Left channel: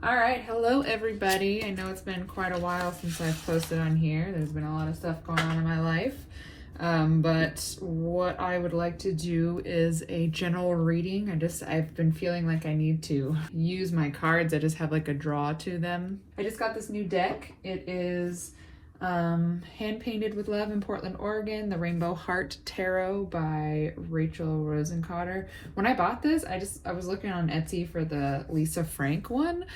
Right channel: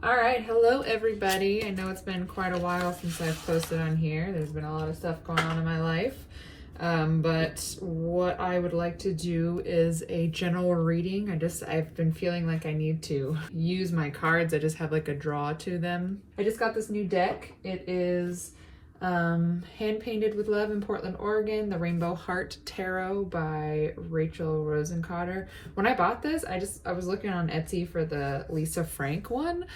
All right, hello everybody. I know it's been quite a while since I've posted on here. There's been a lot of stuff going on in my life. But what I would like to do is a general reading. I've been feeling like I need to use my cards. I just have like a draw to them. I just got this new deck. It is hand painted with love in Portland, Oregon, the Rainbow Heart Tarot by Rachel Rosencotter. When I bought this, I was looking on Etsy for the Lisa Frank one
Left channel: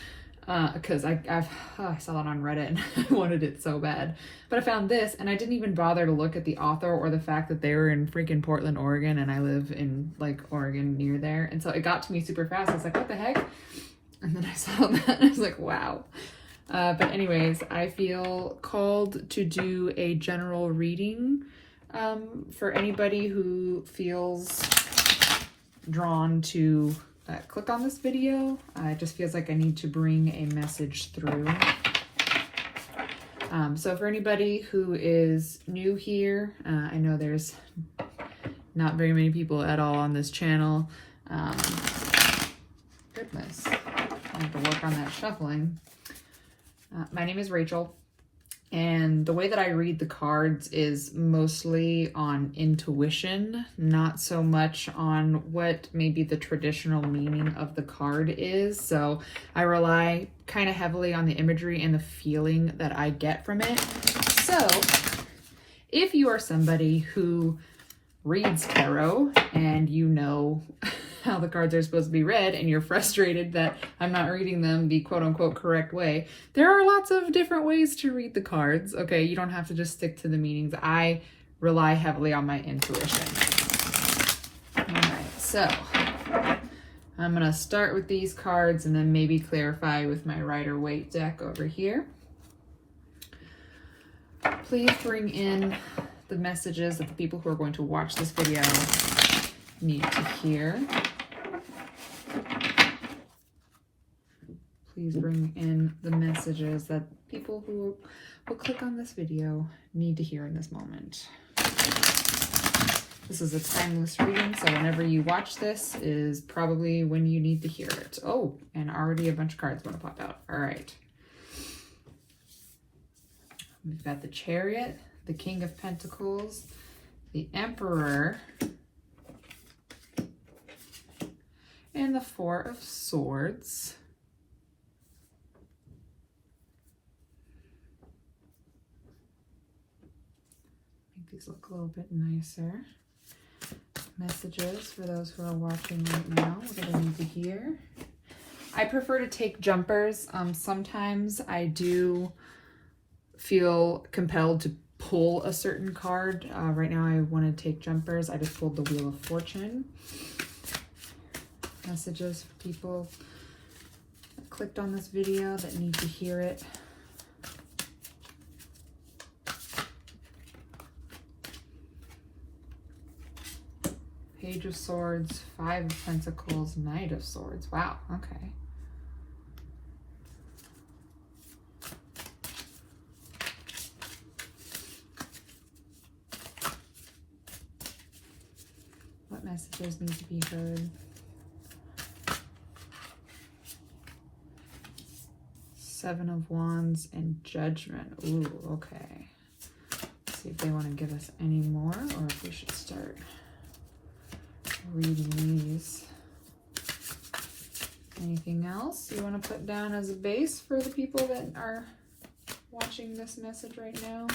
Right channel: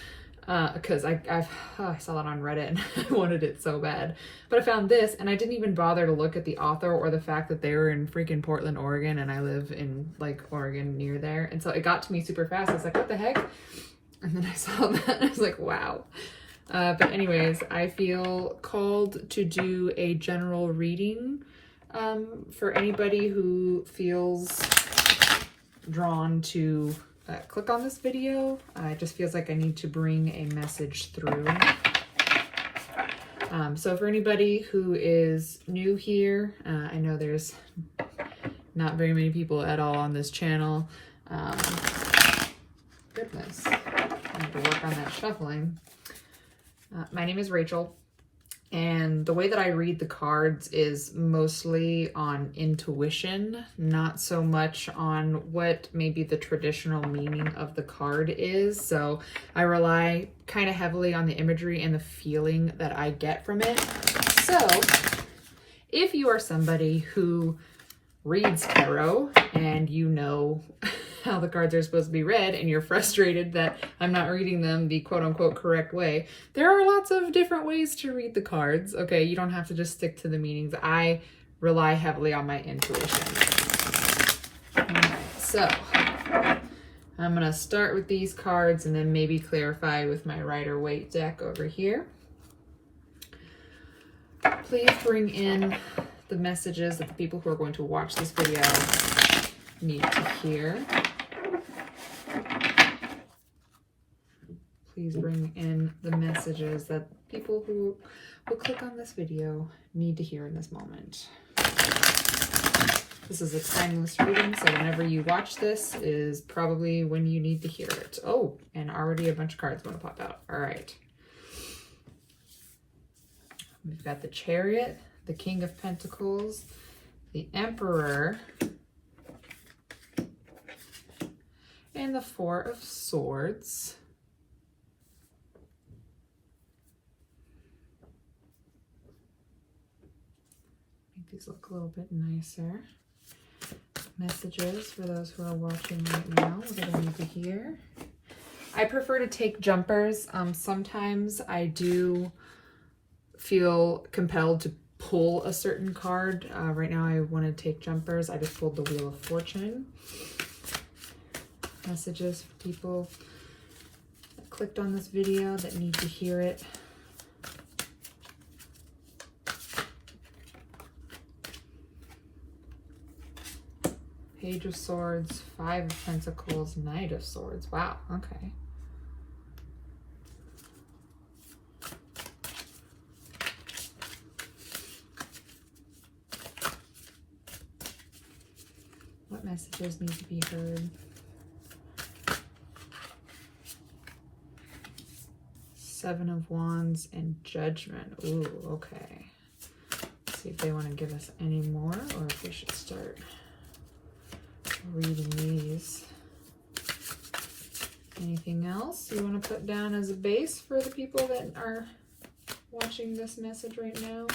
because I saw it on Reddit and I wanted it so bad. But I found this and I didn't even bother to look at the author or the fact that they were in freaking Portland, Oregon, and I live in like Oregon near there. And so it got to me super fast. I was like, what the heck? And then I saw that and I was like, wow. But anyways, I feel called to do a general reading for anybody who feels drawn to click on this video. It just feels like I need to bring a message through. So for anybody who is new here, I know there's not very many people at all on this channel. Goodness, I have to work on that shuffling. My name is Rachel, and the way that I read the cards is mostly on intuition, not so much on what maybe the traditional meaning of the card is. So I rely kind of heavily on the imagery and the feeling that I get from it. So if you are somebody who reads tarot and you know how the cards are supposed to be read and you're frustrated that I'm not reading them the quote-unquote correct way, there are lots of different ways to read the cards. Okay, you don't have to just stick to the meanings. I rely heavily on my intuition. Alright, so I'm gonna start with these cards and then maybe clarify with my Rider-Waite deck over here. Please bring in the messages that the people who are going to watch this video need to hear. Please bring in the messages that people who will click on this video need to hear in this moment. This is a timeless reading, so whenever you watch this is probably when you need to hear it. Oh, and already a bunch of cards want to pop out. All right. We've got the Chariot, the King of Pentacles, the Emperor, and the Four of Swords. Make these look a little bit nicer. Messages for those who are watching right now, what I need to hear. I prefer to take jumpers. Sometimes I do feel compelled to pull a certain card. Right now I want to take jumpers. I just pulled the Wheel of Fortune. Messages for people that clicked on this video that need to hear it. Page of Swords, Five of Pentacles, Knight of Swords. Wow, okay. What messages need to be heard? Seven of Wands and Judgment. Ooh, okay. Let's see if they want to give us any more or if we should start reading these. Anything else you want to put down as a base for the people that are watching this message right now?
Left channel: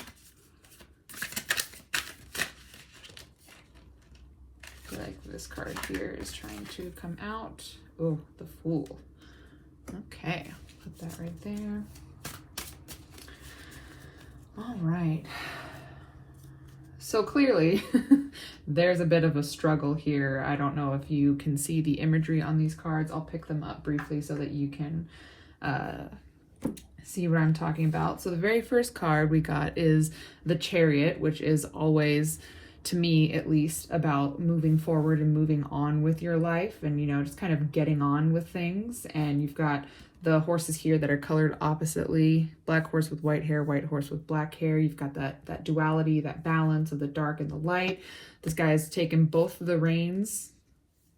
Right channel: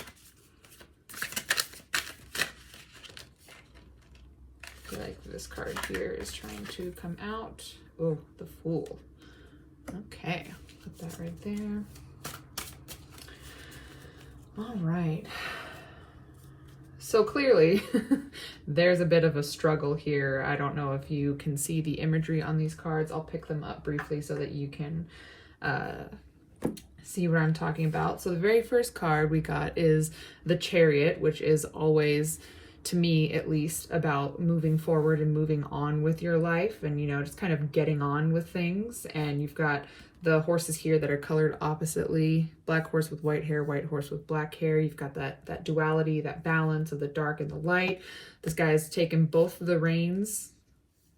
I feel like this card here is trying to come out. Oh, the Fool. Okay. Put that right there. All right. So clearly, there's a bit of a struggle here. I don't know if you can see the imagery on these cards. I'll pick them up briefly so that you can see what I'm talking about. So the very first card we got is the Chariot, which is always, to me at least, about moving forward and moving on with your life and, you know, just kind of getting on with things. And you've got the horses here that are colored oppositely, black horse with white hair, white horse with black hair. You've got that duality, that balance of the dark and the light. This guy's taken both of the reins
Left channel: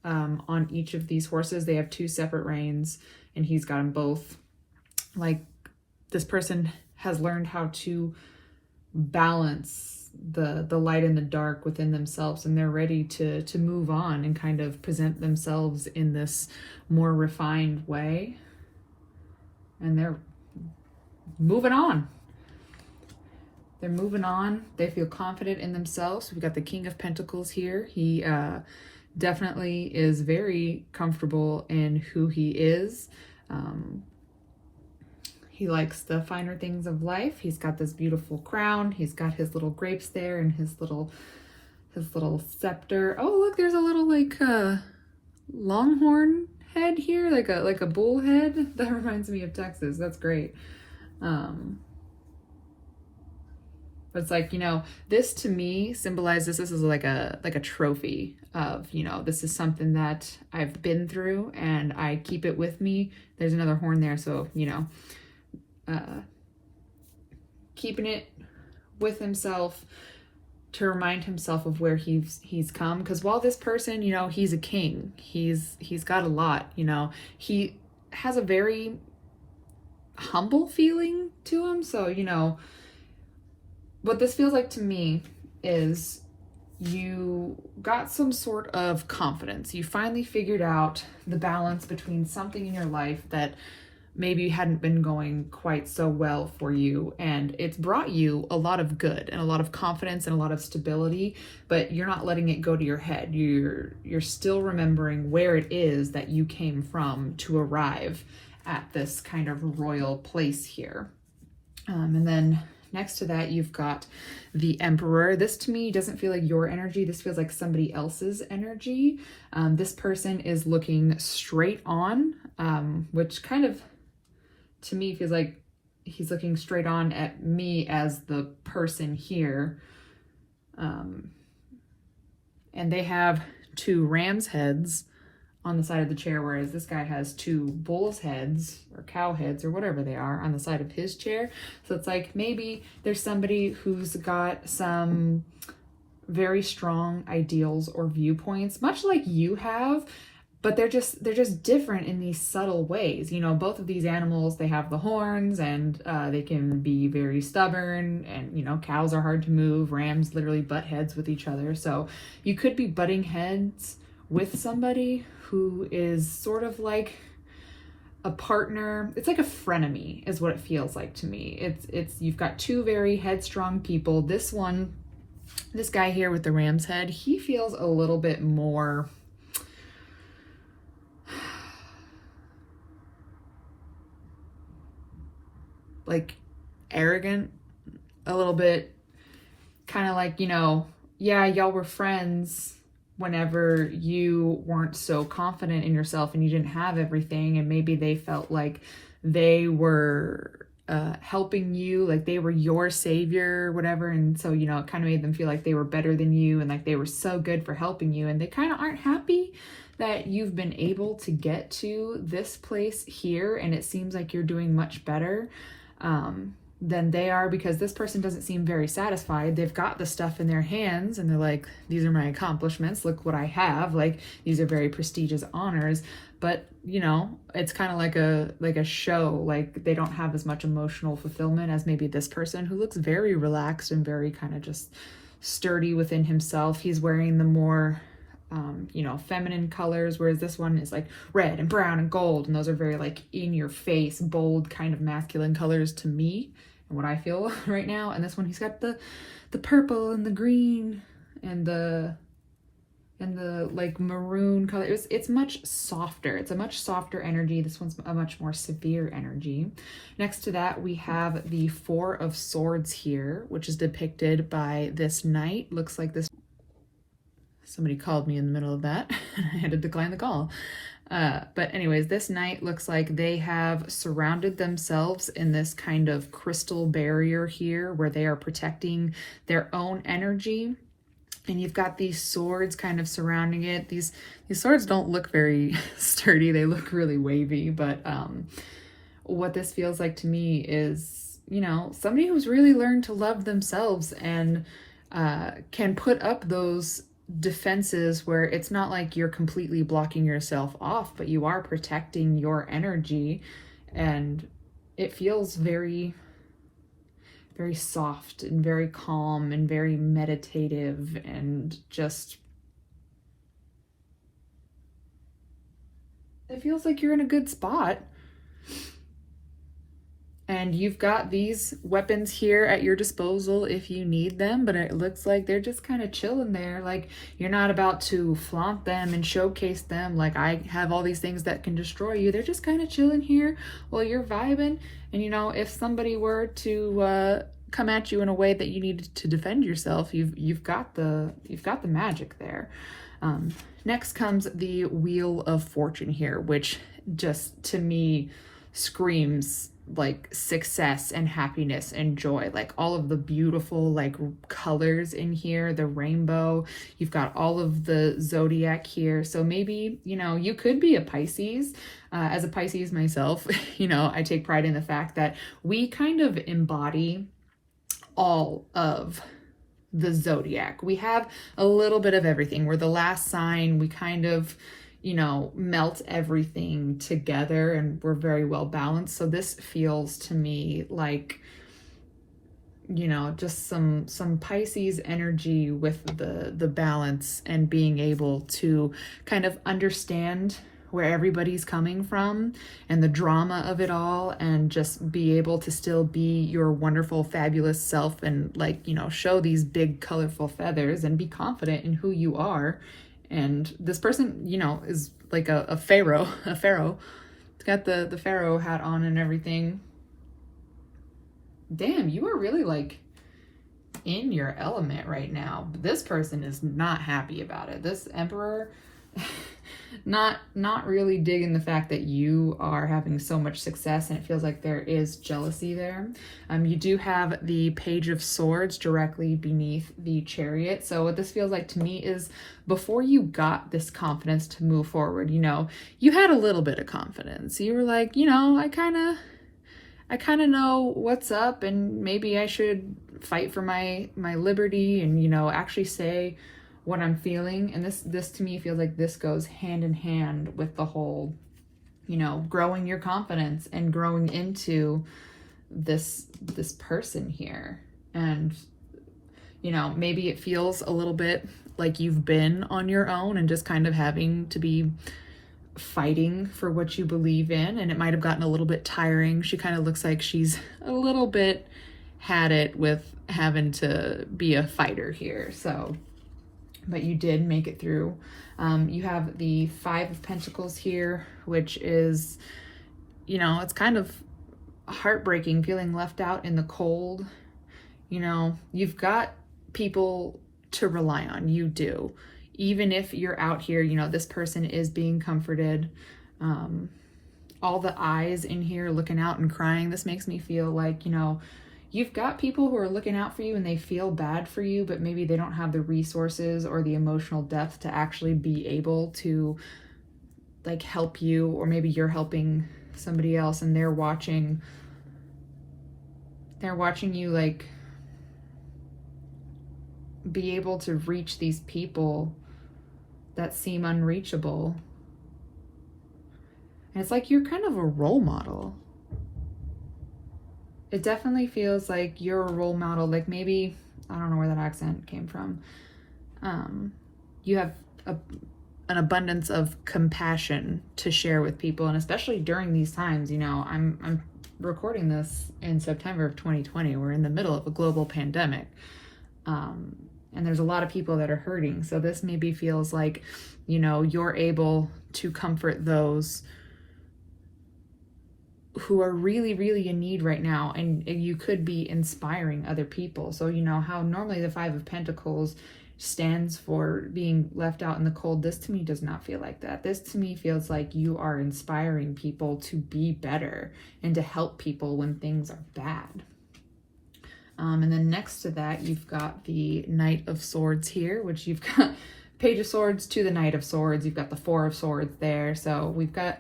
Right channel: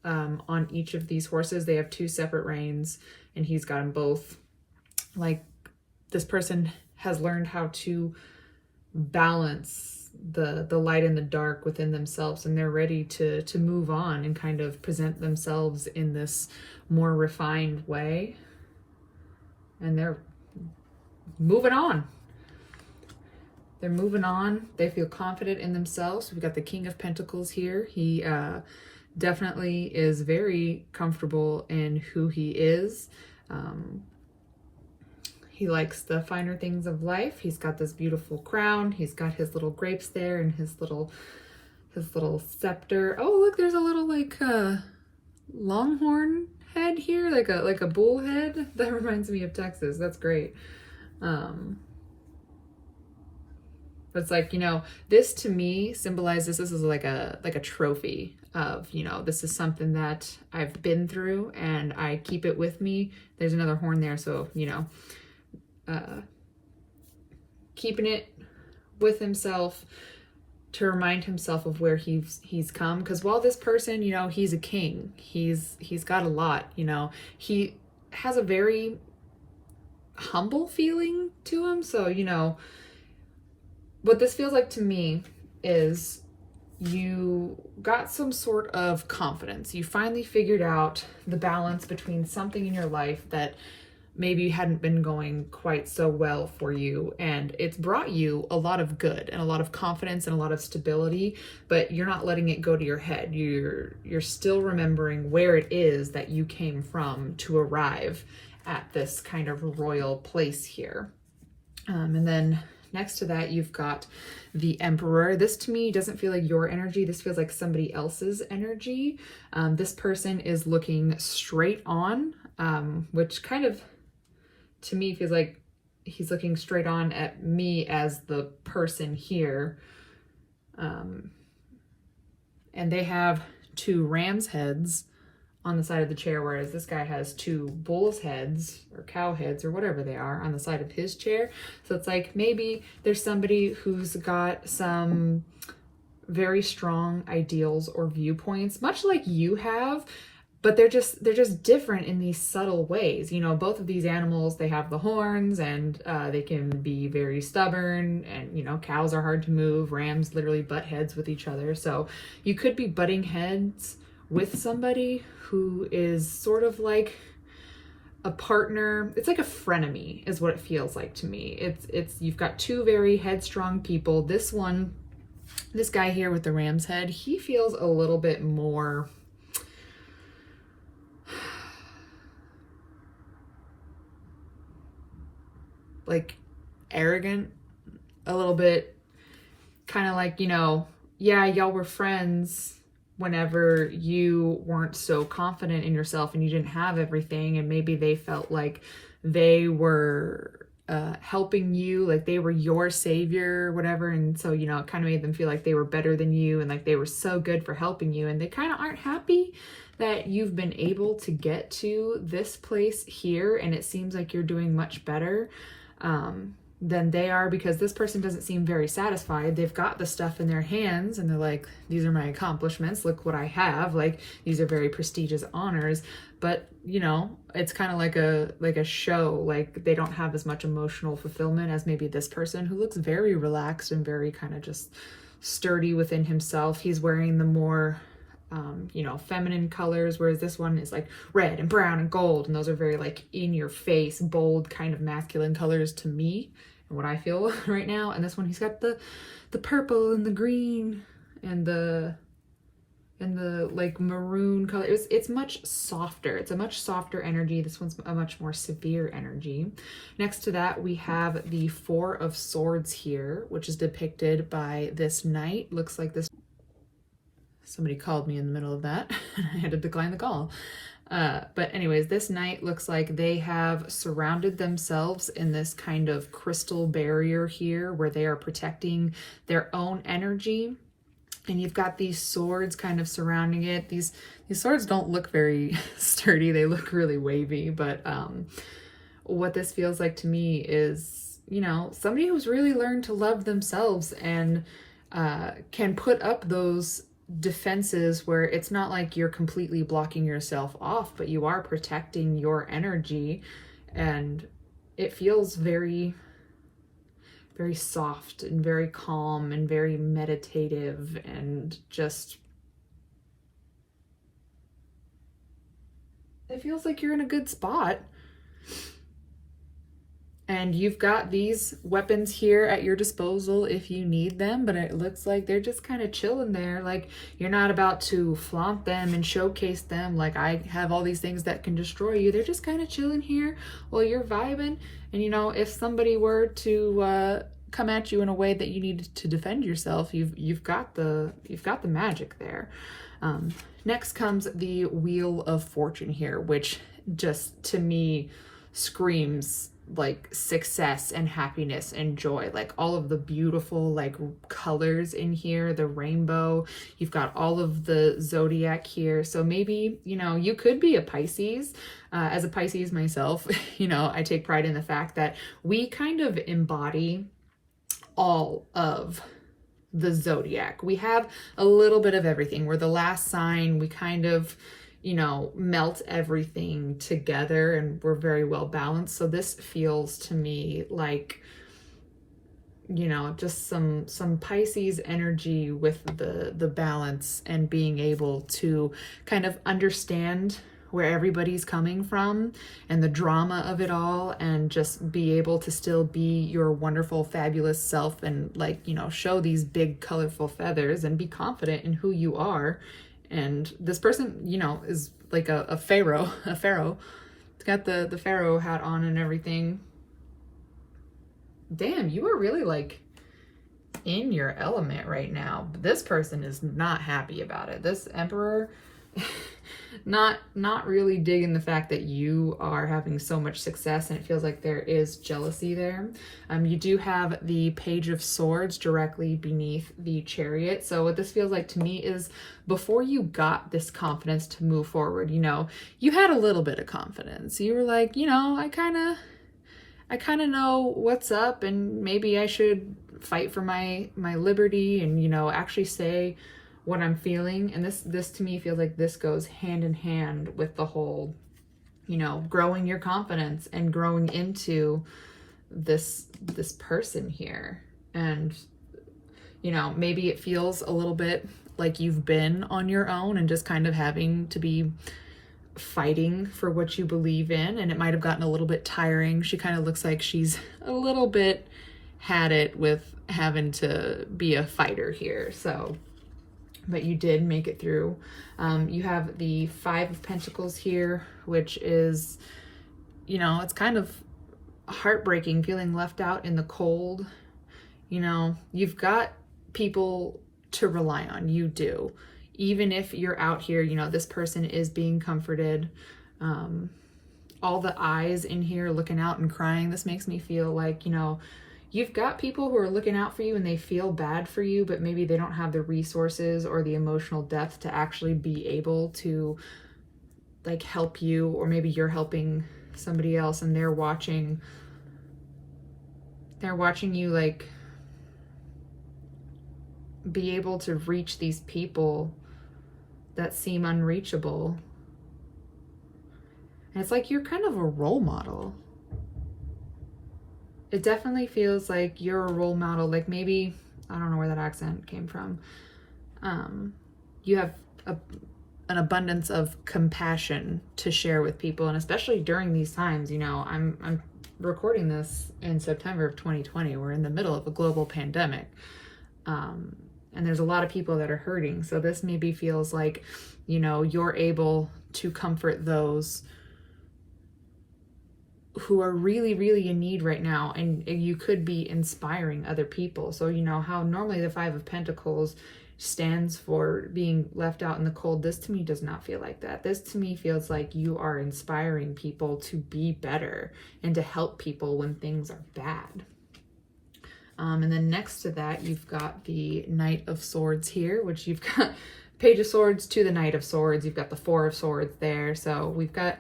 on each of these horses. They have two separate reins and he's got them both like this person has learned how to balance the light and the dark within themselves, and they're ready to move on and kind of present themselves in this more refined way, and they're moving on. They're moving on. They feel confident in themselves. We've got the King of Pentacles here. He definitely is very comfortable in who he is. He likes the finer things of life. He's got this beautiful crown. He's got his little grapes there and his little scepter. Oh, look, there's a little like longhorn head here, like a bull head. That reminds me of Texas. That's great. But it's like, you know, this to me symbolizes this is like a trophy of, you know, this is something that I've been through and I keep it with me. There's another horn there, so, you know, keeping it with himself to remind himself of where he's come. Because while this person, you know, he's a king, he's got a lot, you know, he has a very humble feeling to him. So, you know, what this feels like to me is you got some sort of confidence. You finally figured out the balance between something in your life that maybe hadn't been going quite so well for you, and it's brought you a lot of good and a lot of confidence and a lot of stability, but you're not letting it go to your head. You're still remembering where it is that you came from to arrive at this kind of royal place here. And then next to that, you've got the Emperor. This to me doesn't feel like your energy. This feels like somebody else's energy. This person is looking straight on, which kind of, to me, feels like he's looking straight on at me as the person here. And they have two ram's heads on the side of the chair, whereas this guy has two bull's heads or cow heads or whatever they are on the side of his chair. So it's like maybe there's somebody who's got some very strong ideals or viewpoints, much like you have, but they're just different in these subtle ways. You know, both of these animals, they have the horns, and they can be very stubborn, and, you know, cows are hard to move. Rams literally butt heads with each other. So you could be butting heads with somebody who is sort of like a partner. It's like a frenemy is what it feels like to me. It's you've got two very headstrong people. This guy here with the ram's head, he feels a little bit more like arrogant, a little bit kind of like, you know, yeah, y'all were friends whenever you weren't so confident in yourself and you didn't have everything, and maybe they felt like they were helping you, like they were your savior or whatever, and so, you know, it kind of made them feel like they were better than you and like they were so good for helping you, and they kind of aren't happy that you've been able to get to this place here, and it seems like you're doing much better than they are, because this person doesn't seem very satisfied. They've got the stuff in their hands and they're like, these are my accomplishments, look what I have, like these are very prestigious honors, but, you know, it's kind of like a show. Like they don't have as much emotional fulfillment as maybe this person, who looks very relaxed and very kind of just sturdy within himself. He's wearing the more you know, feminine colors, whereas this one is like red and brown and gold, and those are very like in your face, bold kind of masculine colors to me and what I feel right now. And this one, he's got the purple and the green and the like maroon color. It's much softer. It's a much softer energy. This one's a much more severe energy. Next to that, we have the Four of Swords here, which is depicted by this knight. Looks like this. Somebody called me in the middle of that. I had to decline the call. But anyways, this knight looks like they have surrounded themselves in this kind of crystal barrier here where they are protecting their own energy. And you've got these swords kind of surrounding it. These swords don't look very sturdy. They look really wavy. But what this feels like to me is, you know, somebody who's really learned to love themselves and can put up those defenses where it's not like you're completely blocking yourself off, but you are protecting your energy, and it feels very, very soft and very calm and very meditative, and just, it feels like you're in a good spot. And you've got these weapons here at your disposal if you need them, but it looks like they're just kind of chilling there. Like, you're not about to flaunt them and showcase them like, I have all these things that can destroy you. They're just kind of chilling here while you're vibing. And you know, if somebody were to come at you in a way that you needed to defend yourself, you've got the magic there. Next comes the Wheel of Fortune here, which just, to me, screams like success and happiness and joy. Like, all of the beautiful like colors in here, the rainbow, you've got all of the zodiac here. So maybe, you know, you could be a Pisces. As a Pisces myself, you know, I take pride in the fact that we kind of embody all of the zodiac. We have a little bit of everything. We're the last sign. We kind of, you know, melt everything together, and we're very well balanced. So this feels to me like, you know, just some Pisces energy with the balance, and being able to kind of understand where everybody's coming from and the drama of it all, and just be able to still be your wonderful, fabulous self, and like, you know, show these big colorful feathers and be confident in who you are. And this person, you know, is like a pharaoh. It's got the pharaoh hat on and everything. Damn, you are really like in your element right now. But this person is not happy about it. This emperor, not really digging the fact that you are having so much success, and it feels like there is jealousy there. You do have the Page of Swords directly beneath the Chariot. So what this feels like to me is, before you got this confidence to move forward, you know, you had a little bit of confidence. You were like, you know, I kind of know what's up, and maybe I should fight for my liberty, and, you know, actually say what I'm feeling. And this to me feels like this goes hand in hand with the whole, you know, growing your confidence and growing into this person here. And, you know, maybe it feels a little bit like you've been on your own and just kind of having to be fighting for what you believe in, and it might have gotten a little bit tiring. She kind of looks like she's a little bit had it with having to be a fighter here. So, but you did make it through. You have the Five of Pentacles here, which is, you know, it's kind of heartbreaking, feeling left out in the cold. You know, you've got people to rely on. You do. Even if you're out here, you know, this person is being comforted. All the eyes in here looking out and crying. This makes me feel like, you know, you've got people who are looking out for you and they feel bad for you, but maybe they don't have the resources or the emotional depth to actually be able to like help you, or maybe you're helping somebody else and they're watching you like be able to reach these people that seem unreachable. And it's like you're kind of a role model. It definitely feels like you're a role model. Like, maybe, I don't know where that accent came from. You have an abundance of compassion to share with people. And especially during these times, you know, I'm recording this in September of 2020. We're in the middle of a global pandemic. And there's a lot of people that are hurting. So this maybe feels like, you know, you're able to comfort those who are really, really in need right now. And you could be inspiring other people. So, you know, how normally the Five of Pentacles stands for being left out in the cold. This to me does not feel like that. This to me feels like you are inspiring people to be better and to help people when things are bad. And then next to that, you've got the Knight of Swords here, which you've got Page of Swords to the Knight of Swords. You've got the Four of Swords there. So we've got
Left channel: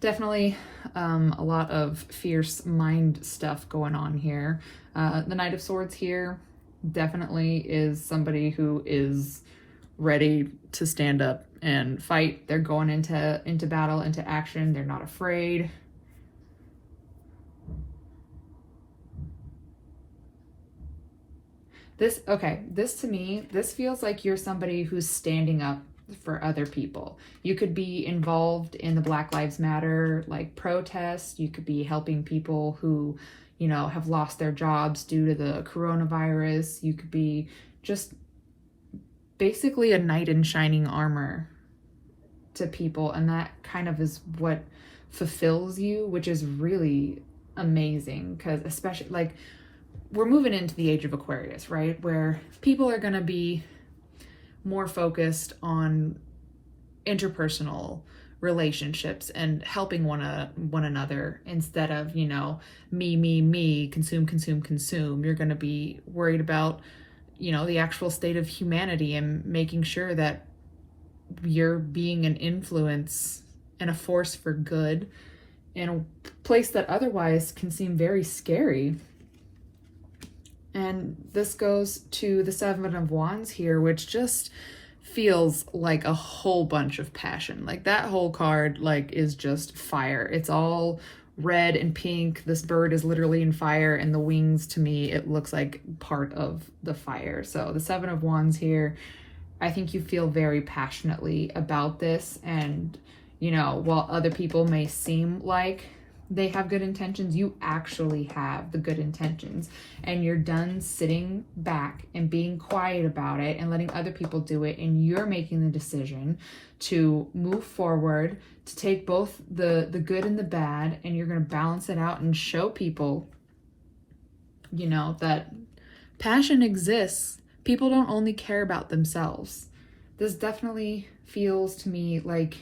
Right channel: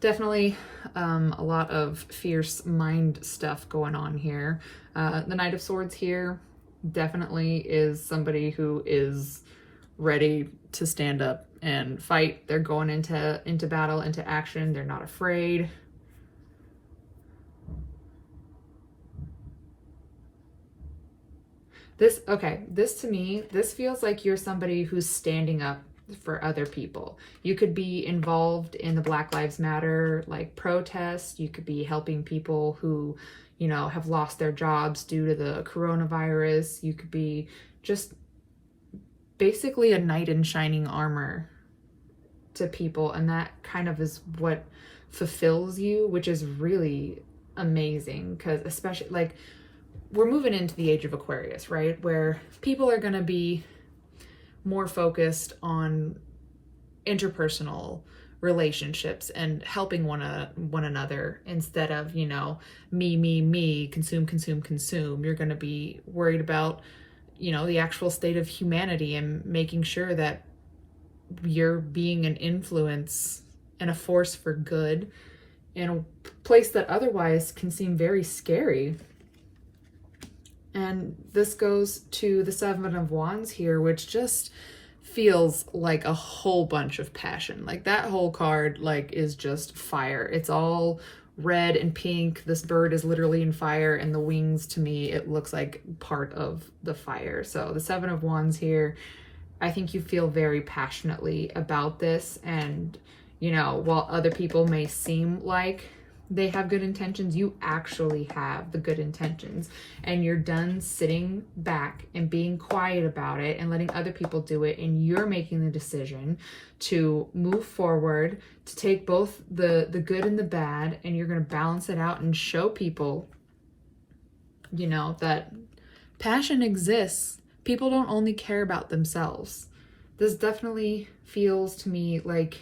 definitely a lot of fierce mind stuff going on here. The Knight of Swords here definitely is somebody who is ready to stand up and fight. They're going into battle, into action. They're not afraid. This to me, this feels like you're somebody who's standing up for other people. You could be involved in the Black Lives Matter like protest. You could be helping people who, you know, have lost their jobs due to the coronavirus. You could be just basically a knight in shining armor to people, and that kind of is what fulfills you, which is really amazing, because especially like we're moving into the age of Aquarius, right? Where people are going to be more focused on interpersonal relationships and helping one another instead of, you know, me, consume. You're going to be worried about, you know, the actual state of humanity and making sure that you're being an influence and a force for good in a place that otherwise can seem very scary. And this goes to the Seven of Wands here, which just feels like a whole bunch of passion. Like that whole card like is just fire. It's all red and pink. This bird is literally in fire, and the wings, to me, it looks like part of the fire. So the Seven of Wands here, I think you feel very passionately about this. And, you know, while other people may seem like they have good intentions, you actually have the good intentions, and you're done sitting back and being quiet about it and letting other people do it, and you're making the decision to move forward, to take both the good and the bad, and you're going to balance it out and show people, you know, that passion exists. People don't only care about themselves. This definitely feels to me like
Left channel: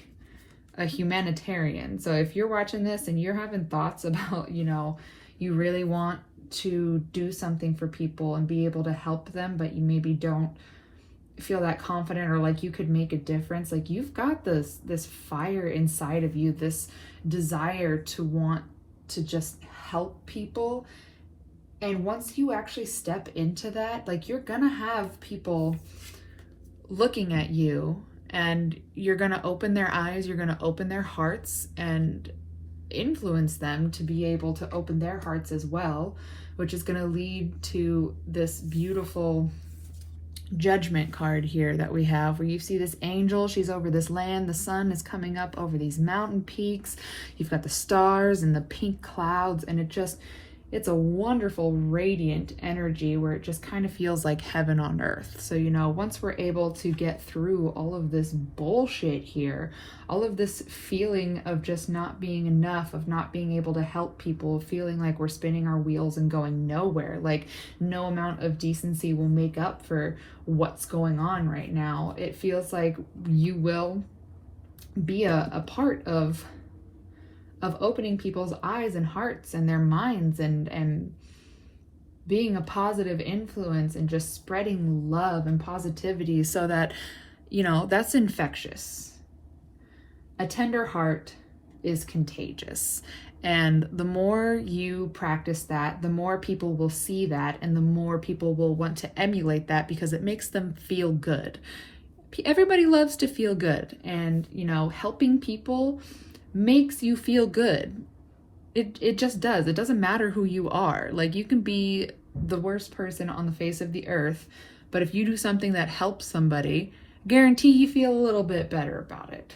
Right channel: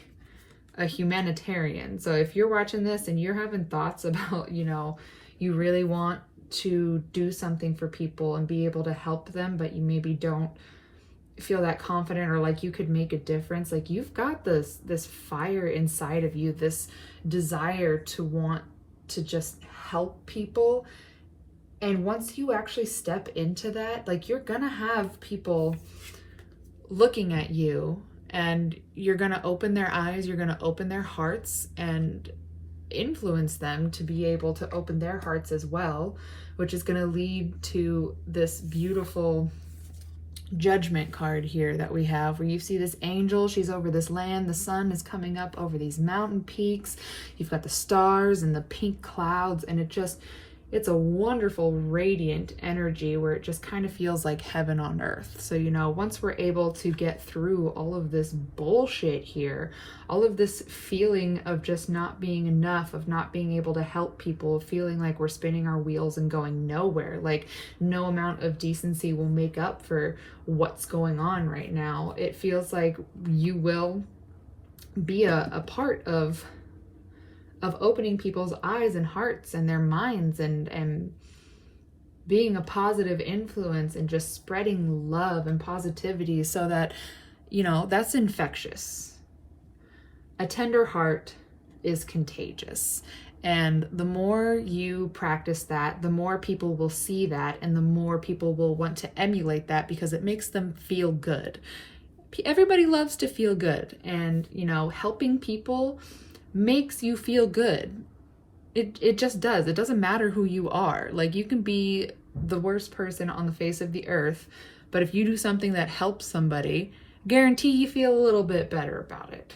a humanitarian. So if you're watching this and you're having thoughts about, you know, you really want to do something for people and be able to help them, but you maybe don't feel that confident or like you could make a difference, like you've got this fire inside of you, this desire to want to just help people. And once you actually step into that, like you're gonna have people looking at you, and you're going to open their eyes, you're going to open their hearts and influence them to be able to open their hearts as well, which is going to lead to this beautiful Judgment card here that we have, where you see this angel, she's over this land, the sun is coming up over these mountain peaks, you've got the stars and the pink clouds, and it's a wonderful, radiant energy where it just kind of feels like heaven on earth. So, you know, once we're able to get through all of this bullshit here, all of this feeling of just not being enough, of not being able to help people, of feeling like we're spinning our wheels and going nowhere, like no amount of decency will make up for what's going on right now. It feels like you will be a part of opening people's eyes and hearts and their minds, and being a positive influence and just spreading love and positivity, so that, you know, that's infectious. A tender heart is contagious. And the more you practice that, the more people will see that, and the more people will want to emulate that, because it makes them feel good. Everybody loves to feel good, and, you know, helping people makes you feel good. It just does. It doesn't matter who you are. Like, you can be the worst person on the face of the earth, but if you do something that helps somebody, guarantee you feel a little bit better about it.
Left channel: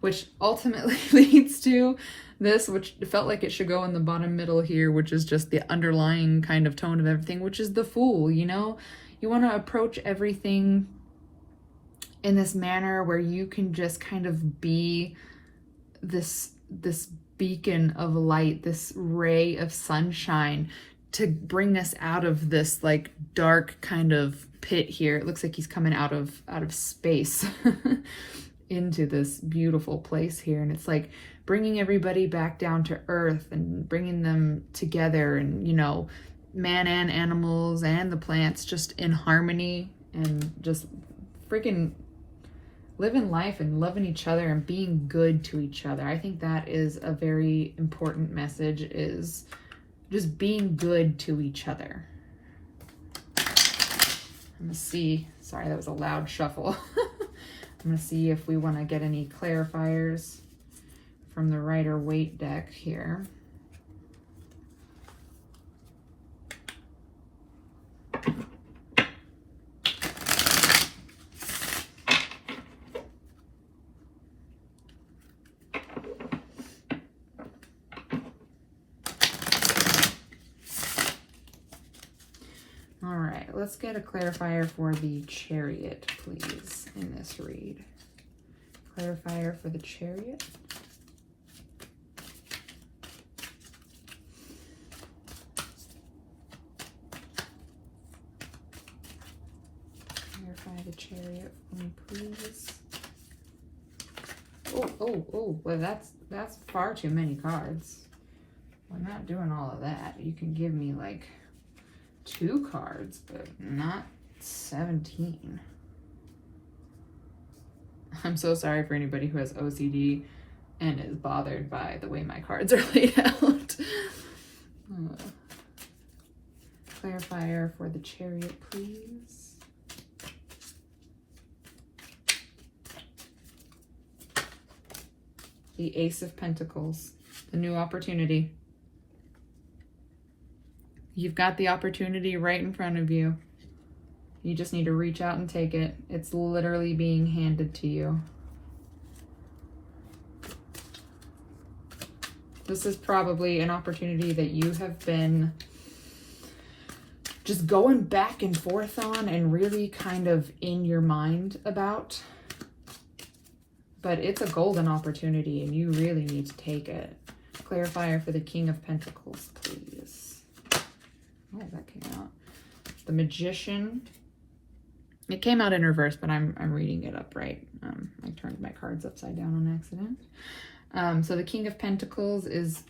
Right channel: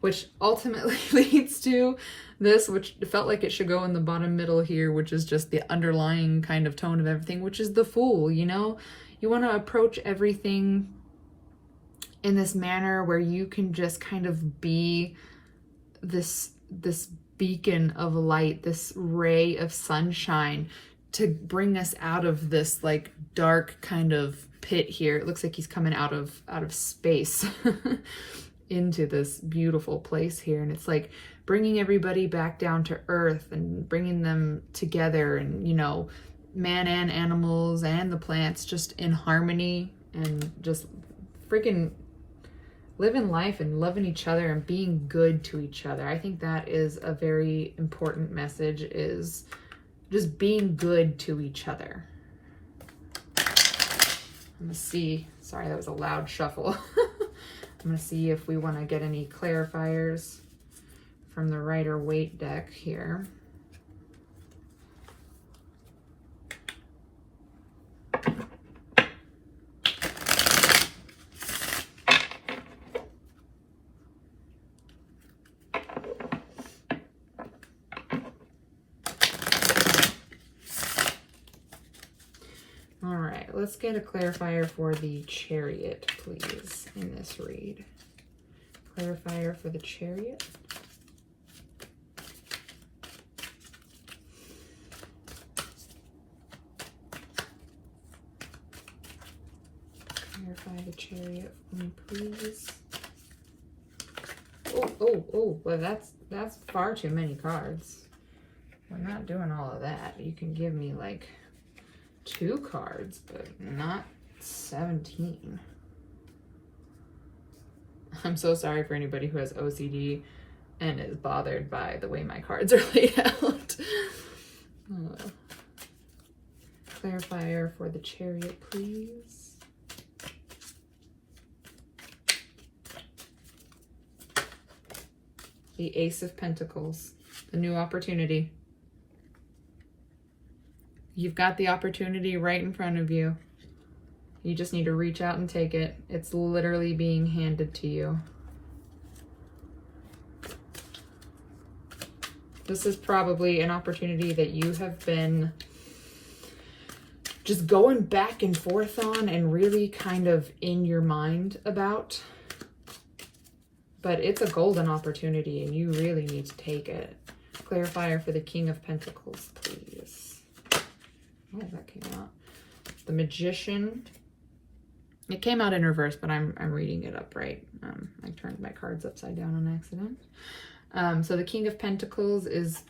Which ultimately leads to this, which felt like it should go in the bottom middle here, which is just the underlying kind of tone of everything, which is the Fool. You know, you want to approach everything in this manner where you can just kind of be this beacon of light, this ray of sunshine to bring us out of this like dark kind of pit here. It looks like he's coming out of space into this beautiful place here, and it's like bringing everybody back down to earth and bringing them together, and, you know, man and animals and the plants just in harmony, and just freaking living life and loving each other and being good to each other. I think that is a very important message, is just being good to each other. Let me see. Sorry, that was a loud shuffle. I'm going to see if we want to get any clarifiers from the Rider-Waite deck here. let's get a clarifier for the Chariot, please, in this read. Clarifier for the Chariot. Clarify the Chariot for me, please. Oh, well that's far too many cards. We're not doing all of that. You can give me like 2 cards, but not 17. I'm so sorry for anybody who has OCD and is bothered by the way my cards are laid out. Clarifier for the Chariot, please. The Ace of Pentacles, the new opportunity. You've got the opportunity right in front of you. You just need to reach out and take it. It's literally being handed to you. This is probably an opportunity that you have been just going back and forth on and really kind of in your mind about. But it's a golden opportunity and you really need to take it. Clarifier for the King of Pentacles, please. Oh, that came out. The Magician. It came out in reverse, but I'm reading it upright. I turned my cards upside down on accident. So the King of Pentacles is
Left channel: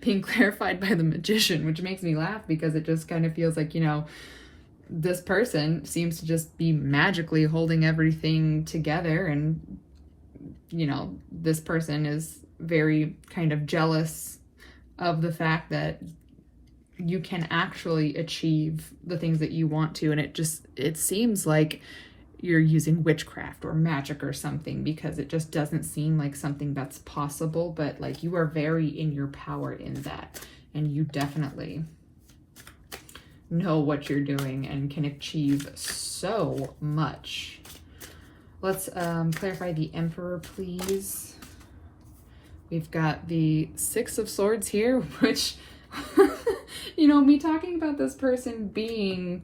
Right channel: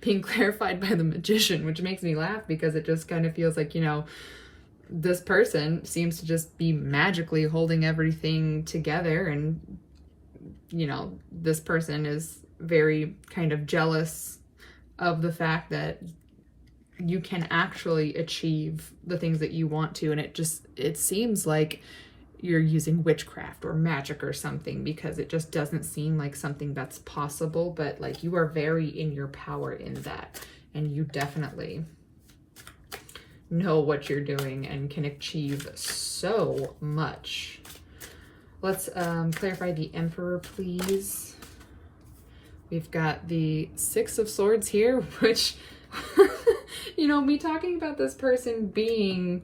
being clarified by the Magician, which makes me laugh because it just kind of feels like, you know, this person seems to just be magically holding everything together, and, you know, this person is very kind of jealous of the fact that you can actually achieve the things that you want to, and it seems like you're using witchcraft or magic or something, because it just doesn't seem like something that's possible, but like you are very in your power in that, and you definitely know what you're doing and can achieve so much. Let's clarify the Emperor, please. We've got the Six of Swords here, which you know, me talking about this person being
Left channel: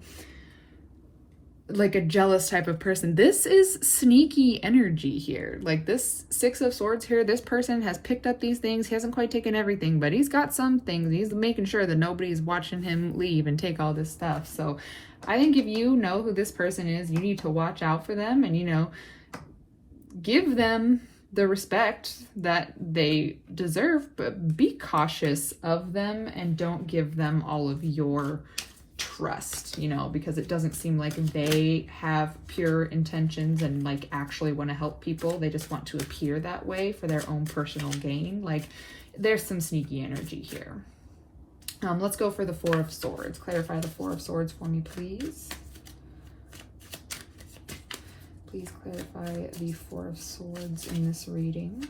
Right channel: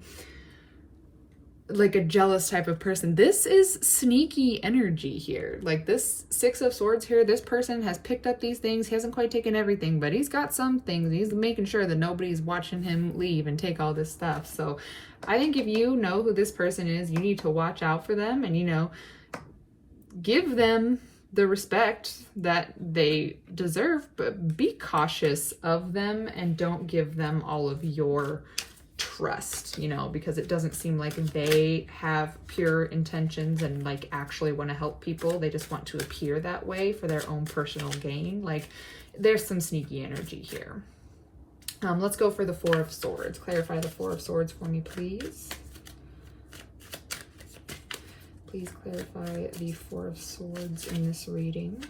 like a jealous type of person, this is sneaky energy here. Like this Six of Swords here, this person has picked up these things. He hasn't quite taken everything, but he's got some things. He's making sure that nobody's watching him leave and take all this stuff. So I think if you know who this person is, you need to watch out for them and, you know, give them the respect that they deserve, but be cautious of them and don't give them all of your trust, you know, because it doesn't seem like they have pure intentions and like actually want to help people. They just want to appear that way for their own personal gain. Like there's some sneaky energy here. Let's go for the Four of Swords. Clarify the Four of Swords for me, please. Please clarify the Four of Swords in this reading.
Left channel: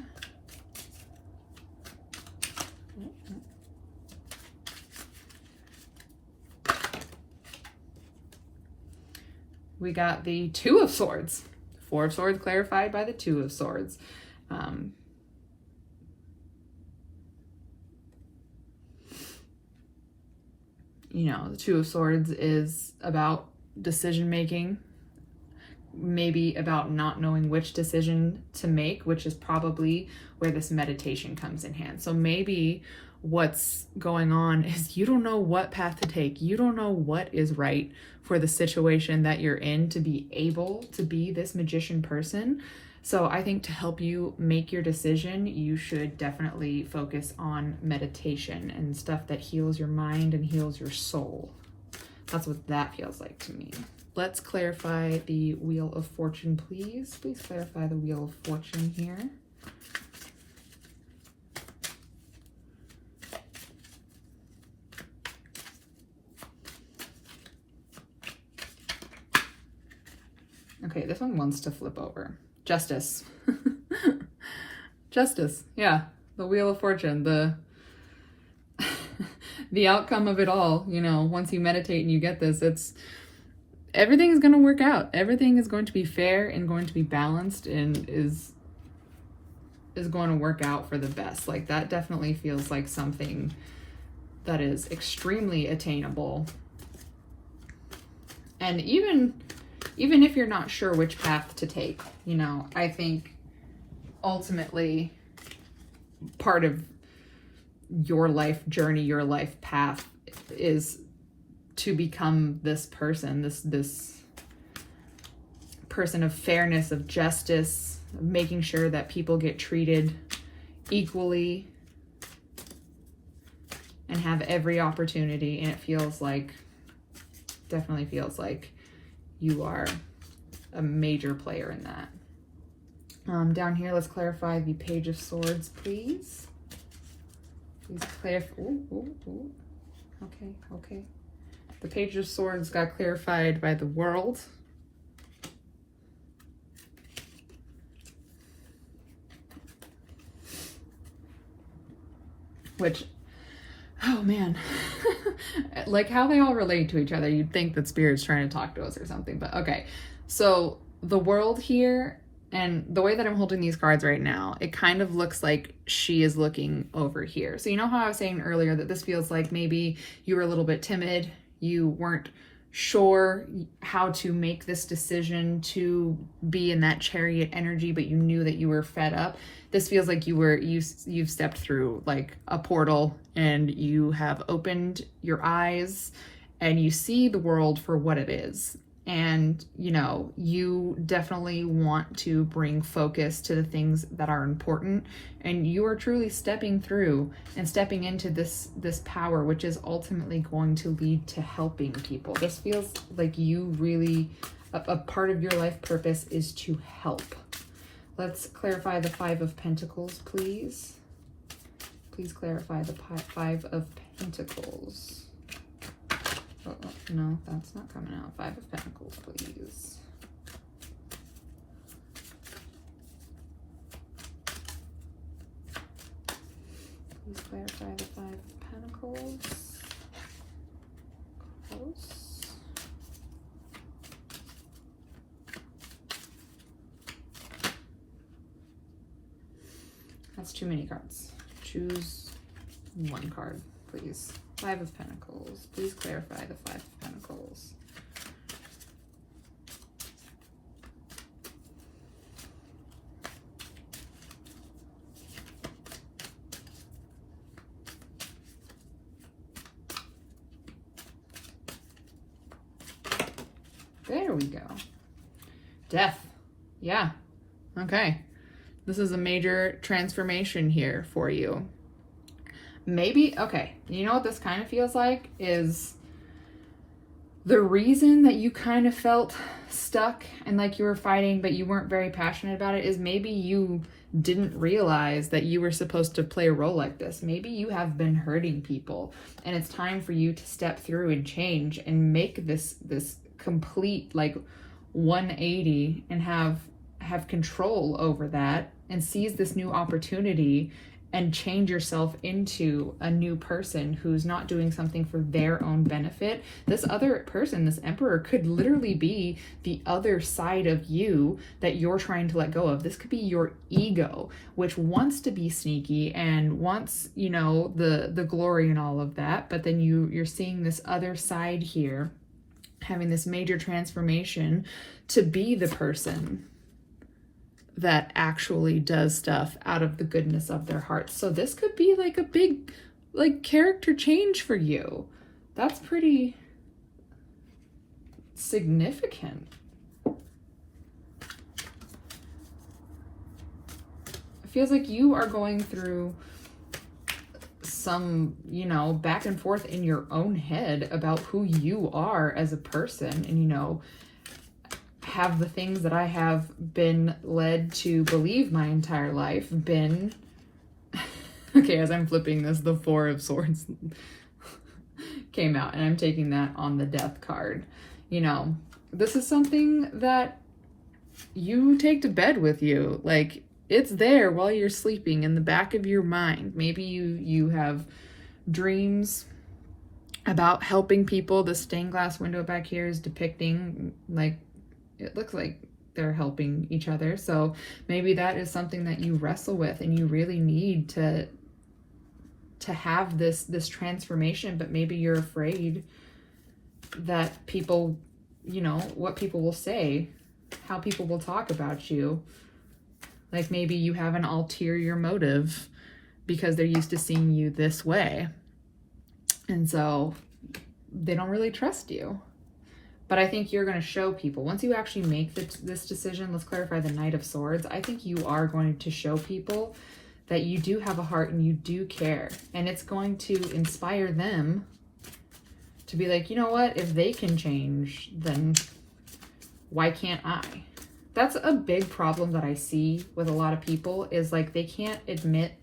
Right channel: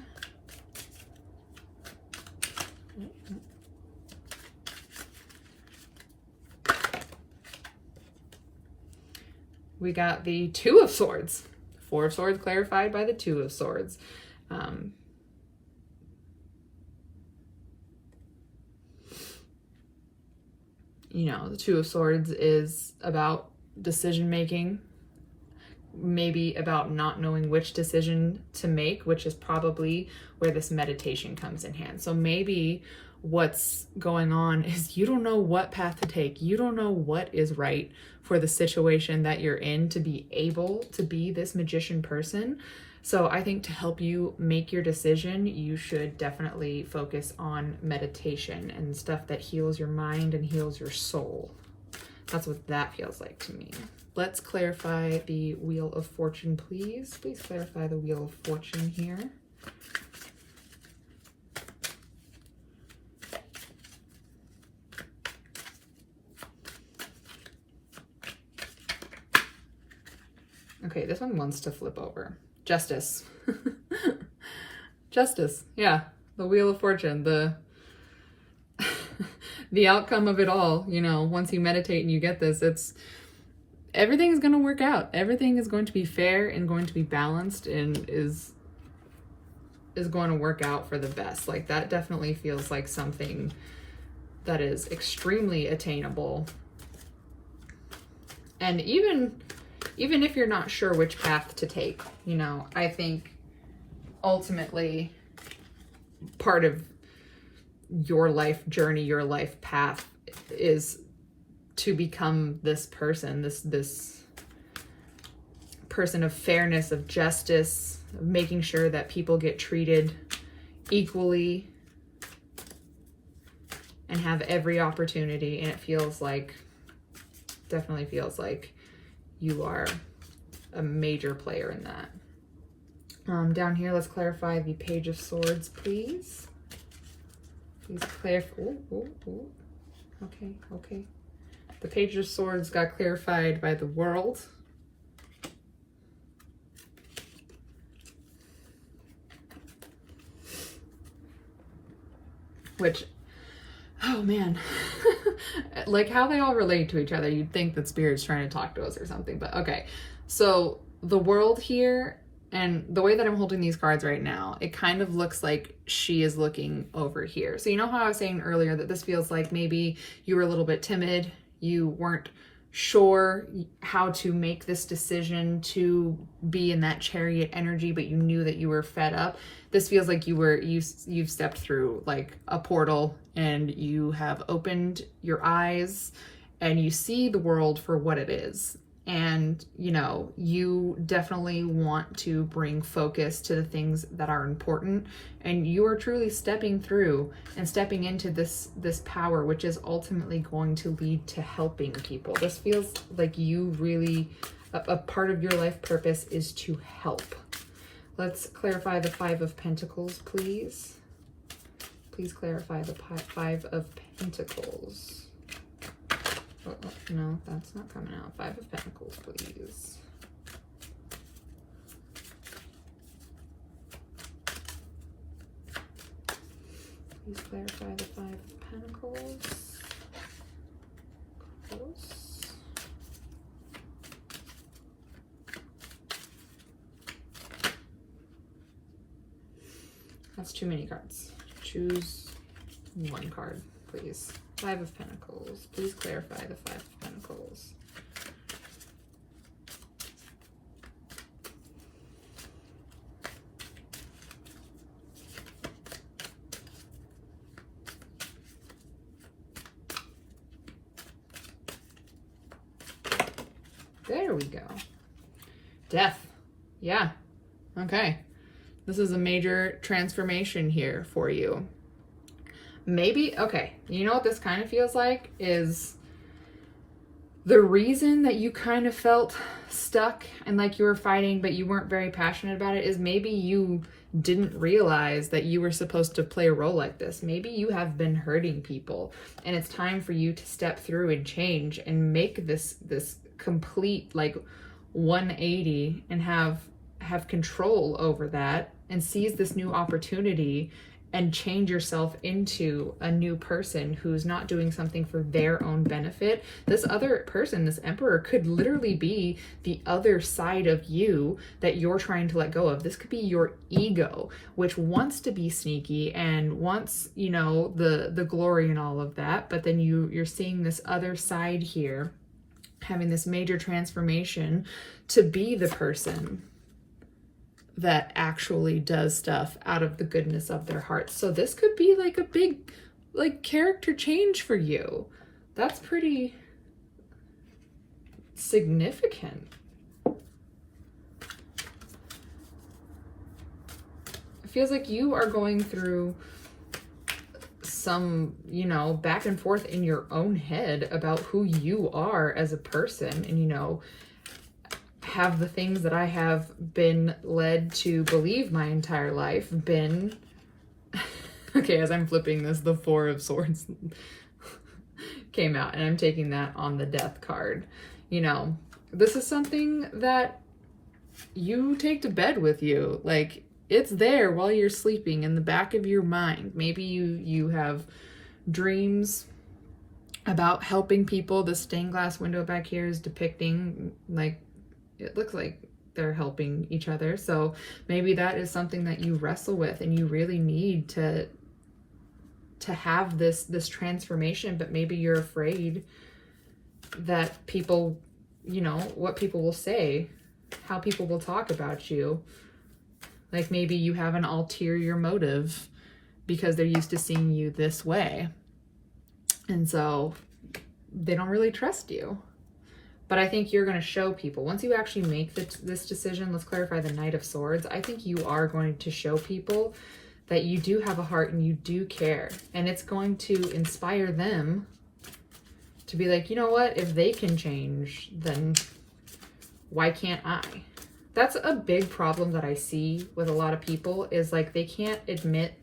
We got the Two of Swords. Four of Swords clarified by the Two of Swords. You know, the Two of Swords is about decision making, maybe about not knowing which decision to make, which is probably where this meditation comes in hand. So maybe what's going on is you don't know what path to take. You don't know what is right for the situation that you're in to be able to be this magician person. So I think to help you make your decision, you should definitely focus on meditation and stuff that heals your mind and heals your soul. That's what that feels like to me. Let's clarify the Wheel of Fortune, please. Please clarify the Wheel of Fortune here. Okay, this one wants to flip over. Justice. Justice, yeah. The Wheel of Fortune, the outcome of it all, you know, once you meditate and you get this, everything is going to work out. Everything is going to be fair and going to be balanced and is going to work out for the best. Like that definitely feels like something that is extremely attainable And even if you're not sure which path to take, you know, I think ultimately part of your life journey, your life path is to become this person, this person of fairness, of justice, of making sure that people get treated equally and have every opportunity. And it feels like, definitely feels like you are a major player in that. Down here, let's clarify the Page of Swords, please. Please clarify. Ooh. Okay. The Page of Swords got clarified by the World. Which, oh man, like how they all relate to each other. You'd think that Spirit's trying to talk to us or something, but okay. So the World here, and the way that I'm holding these cards right now, it kind of looks like she is looking over here. So you know how I was saying earlier that this feels like maybe you were a little bit timid, you weren't sure how to make this decision to be in that Chariot energy, but you knew that you were fed up. This feels like you've stepped through like a portal and you have opened your eyes and you see the world for what it is. And, you know, you definitely want to bring focus to the things that are important. And you are truly stepping through and stepping into this power, which is ultimately going to lead to helping people. This feels like you really, a part of your life purpose is to help. Let's clarify the Five of Pentacles, please. Please clarify the Five of Pentacles. Oh, no, that's not coming out. Five of Pentacles, please. Please clarify the Five of Pentacles. Close. That's too many cards. Choose one card, please. Five of Pentacles. Please clarify the Five of Pentacles. There we go. Death. Yeah. Okay. This is a major transformation here for you. Maybe, okay, you know what this kind of feels like is the reason that you kind of felt stuck and like you were fighting, but you weren't very passionate about it, is maybe you didn't realize that you were supposed to play a role like this. Maybe you have been hurting people and it's time for you to step through and change and make this complete like 180 and have control over that and seize this new opportunity and change yourself into a new person who's not doing something for their own benefit. This other person, this Emperor, could literally be the other side of you that you're trying to let go of. This could be your ego, which wants to be sneaky and wants, you know, the glory and all of that. But then you're seeing this other side here, having this major transformation to be the person that actually does stuff out of the goodness of their hearts. So this could be like a big like character change for you. That's pretty significant. It feels like you are going through some, you know, back and forth in your own head about who you are as a person, and, you know, have the things that I have been led to believe my entire life been okay. As I'm flipping this, the Four of Swords came out, and I'm taking that on the Death card. You know, this is something that you take to bed with you. Like, it's there while you're sleeping in the back of your mind. Maybe you have dreams about helping people. The stained glass window back here is depicting, like, it looks like they're helping each other. So maybe that is something that you wrestle with, and you really need to have this transformation, but maybe you're afraid that people, you know, what people will say, how people will talk about you. Like maybe you have an ulterior motive because they're used to seeing you this way. And so they don't really trust you. But I think you're going to show people, once you actually make this decision, let's clarify the Knight of Swords, I think you are going to show people that you do have a heart and you do care. And it's going to inspire them to be like, you know what, if they can change, then why can't I? That's a big problem that I see with a lot of people, is like they can't admit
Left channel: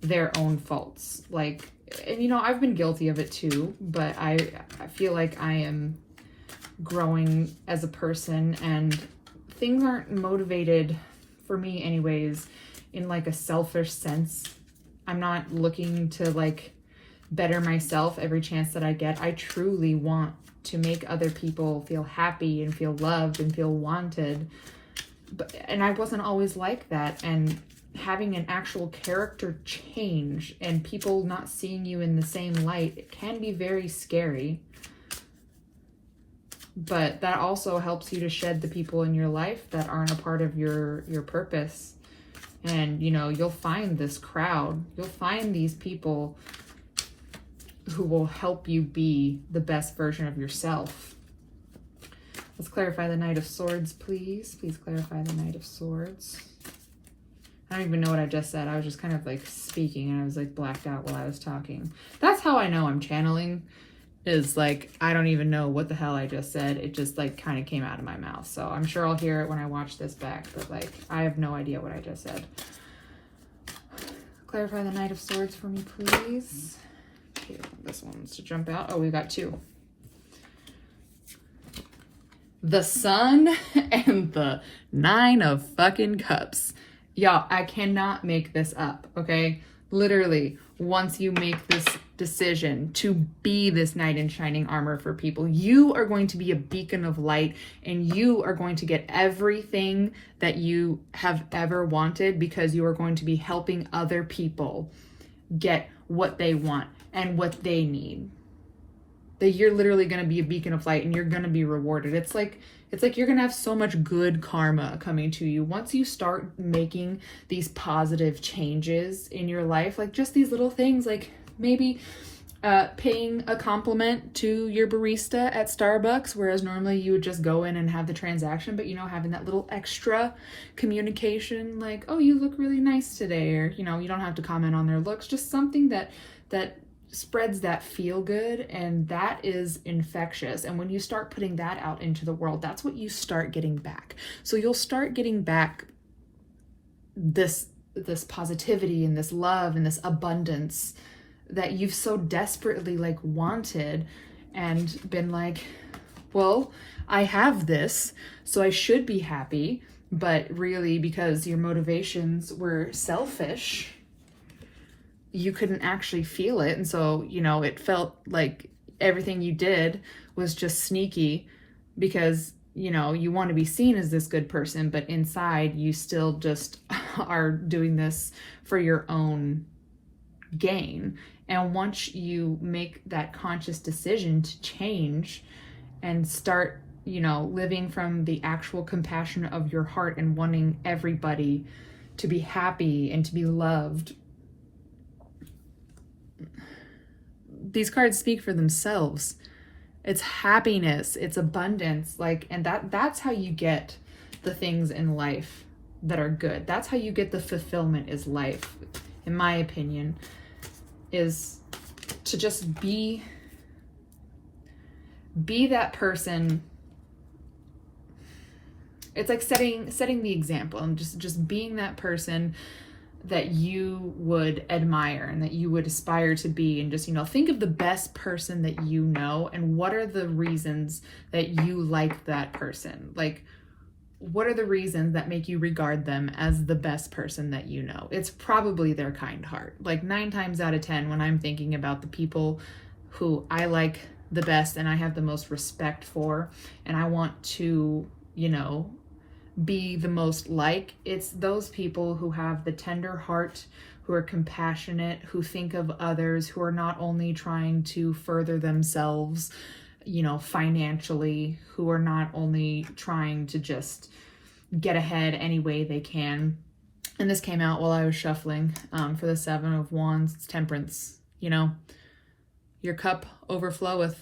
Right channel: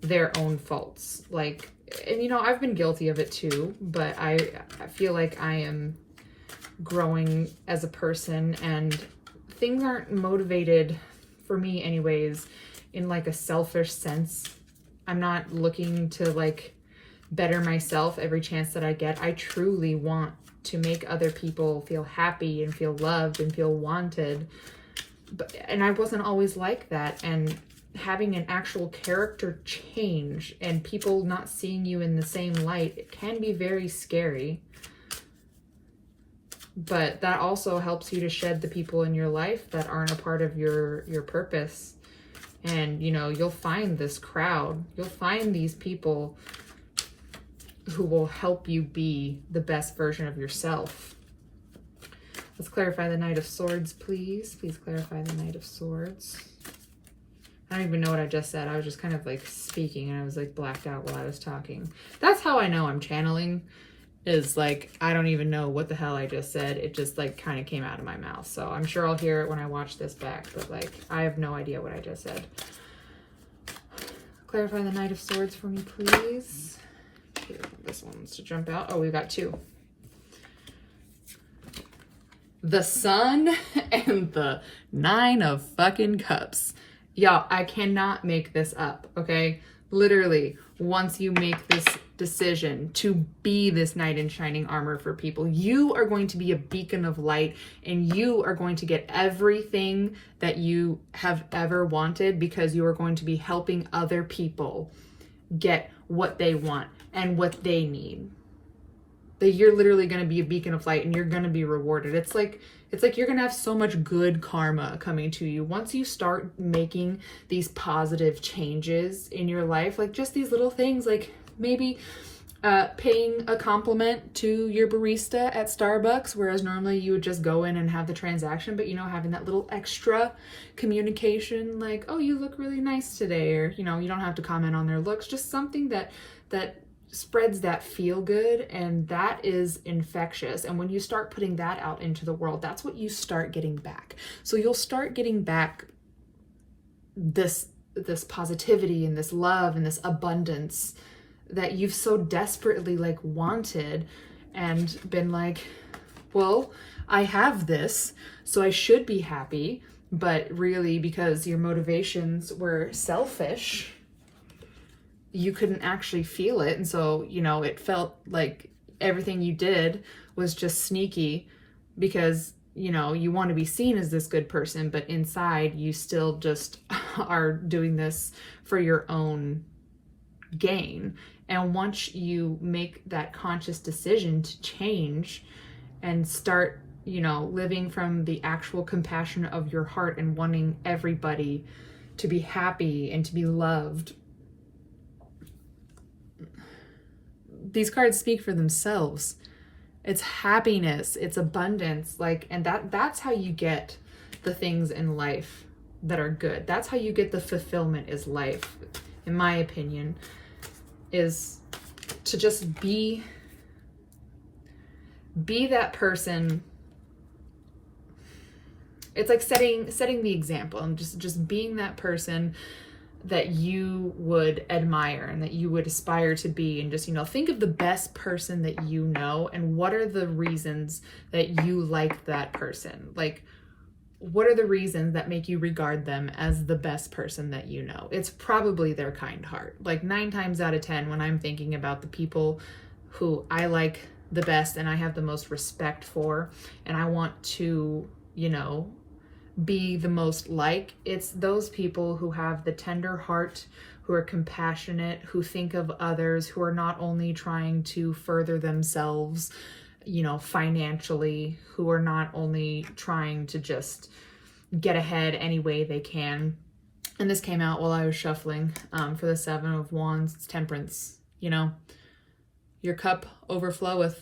their own faults. Like, and you know, I've been guilty of it too, but I feel like I am growing as a person, and things aren't motivated, for me anyways, in like a selfish sense. I'm not looking to like better myself every chance that I get. I truly want to make other people feel happy and feel loved and feel wanted. And I wasn't always like that. And having an actual character change and people not seeing you in the same light, it can be very scary. But that also helps you to shed the people in your life that aren't a part of your purpose. And, you know, you'll find this crowd. You'll find these people who will help you be the best version of yourself. Let's clarify the Knight of Swords, please. Please clarify the Knight of Swords. I don't even know what I just said. I was just kind of like speaking and I was like blacked out while I was talking. That's how I know I'm channeling, is like, I don't even know what the hell I just said. It just like kind of came out of my mouth. So I'm sure I'll hear it when I watch this back, but like, I have no idea what I just said. Clarify the Knight of Swords for me, please. Here, this one wants to jump out. Oh, we got two. The Sun and the Nine of fucking Cups. Y'all, I cannot make this up, okay? Literally, once you make this decision to be this knight in shining armor for people, you are going to be a beacon of light, and you are going to get everything that you have ever wanted, because you are going to be helping other people get what they want and what they need. That you're literally going to be a beacon of light and you're going to be rewarded. It's like you're going to have so much good karma coming to you once you start making these positive changes in your life. Like just these little things, like maybe paying a compliment to your barista at Starbucks, whereas normally you would just go in and have the transaction, but you know, having that little extra communication, like, oh, you look really nice today, or you know, you don't have to comment on their looks, just something that spreads that feel good, and that is infectious. And when you start putting that out into the world, that's what you start getting back. So you'll start getting back this positivity and this love and this abundance that you've so desperately like wanted, and been like, well, I have this, so I should be happy. But really, because your motivations were selfish, you couldn't actually feel it. And so, you know, it felt like everything you did was just sneaky, because, you know, you want to be seen as this good person, but inside you still just are doing this for your own gain. And once you make that conscious decision to change and start, you know, living from the actual compassion of your heart and wanting everybody to be happy and to be loved, these cards speak for themselves. It's happiness, it's abundance, like, and that's how you get the things in life that are good. That's how you get the fulfillment is life, in my opinion, is to just be that person. It's like setting the example and just being that person that you would admire and that you would aspire to be, and just, you know, think of the best person that you know, and what are the reasons that you like that person? Like, what are the reasons that make you regard them as the best person that you know? It's probably their kind heart. Like 9 times out of 10, when I'm thinking about the people who I like the best and I have the most respect for, and I want to, you know, be the most like, it's those people who have the tender heart, who are compassionate, who think of others, who are not only trying to further themselves you know, financially, who are not only trying to just get ahead any way they can. And this came out while I was shuffling for the Seven of Wands. It's temperance, you know. Your cup overfloweth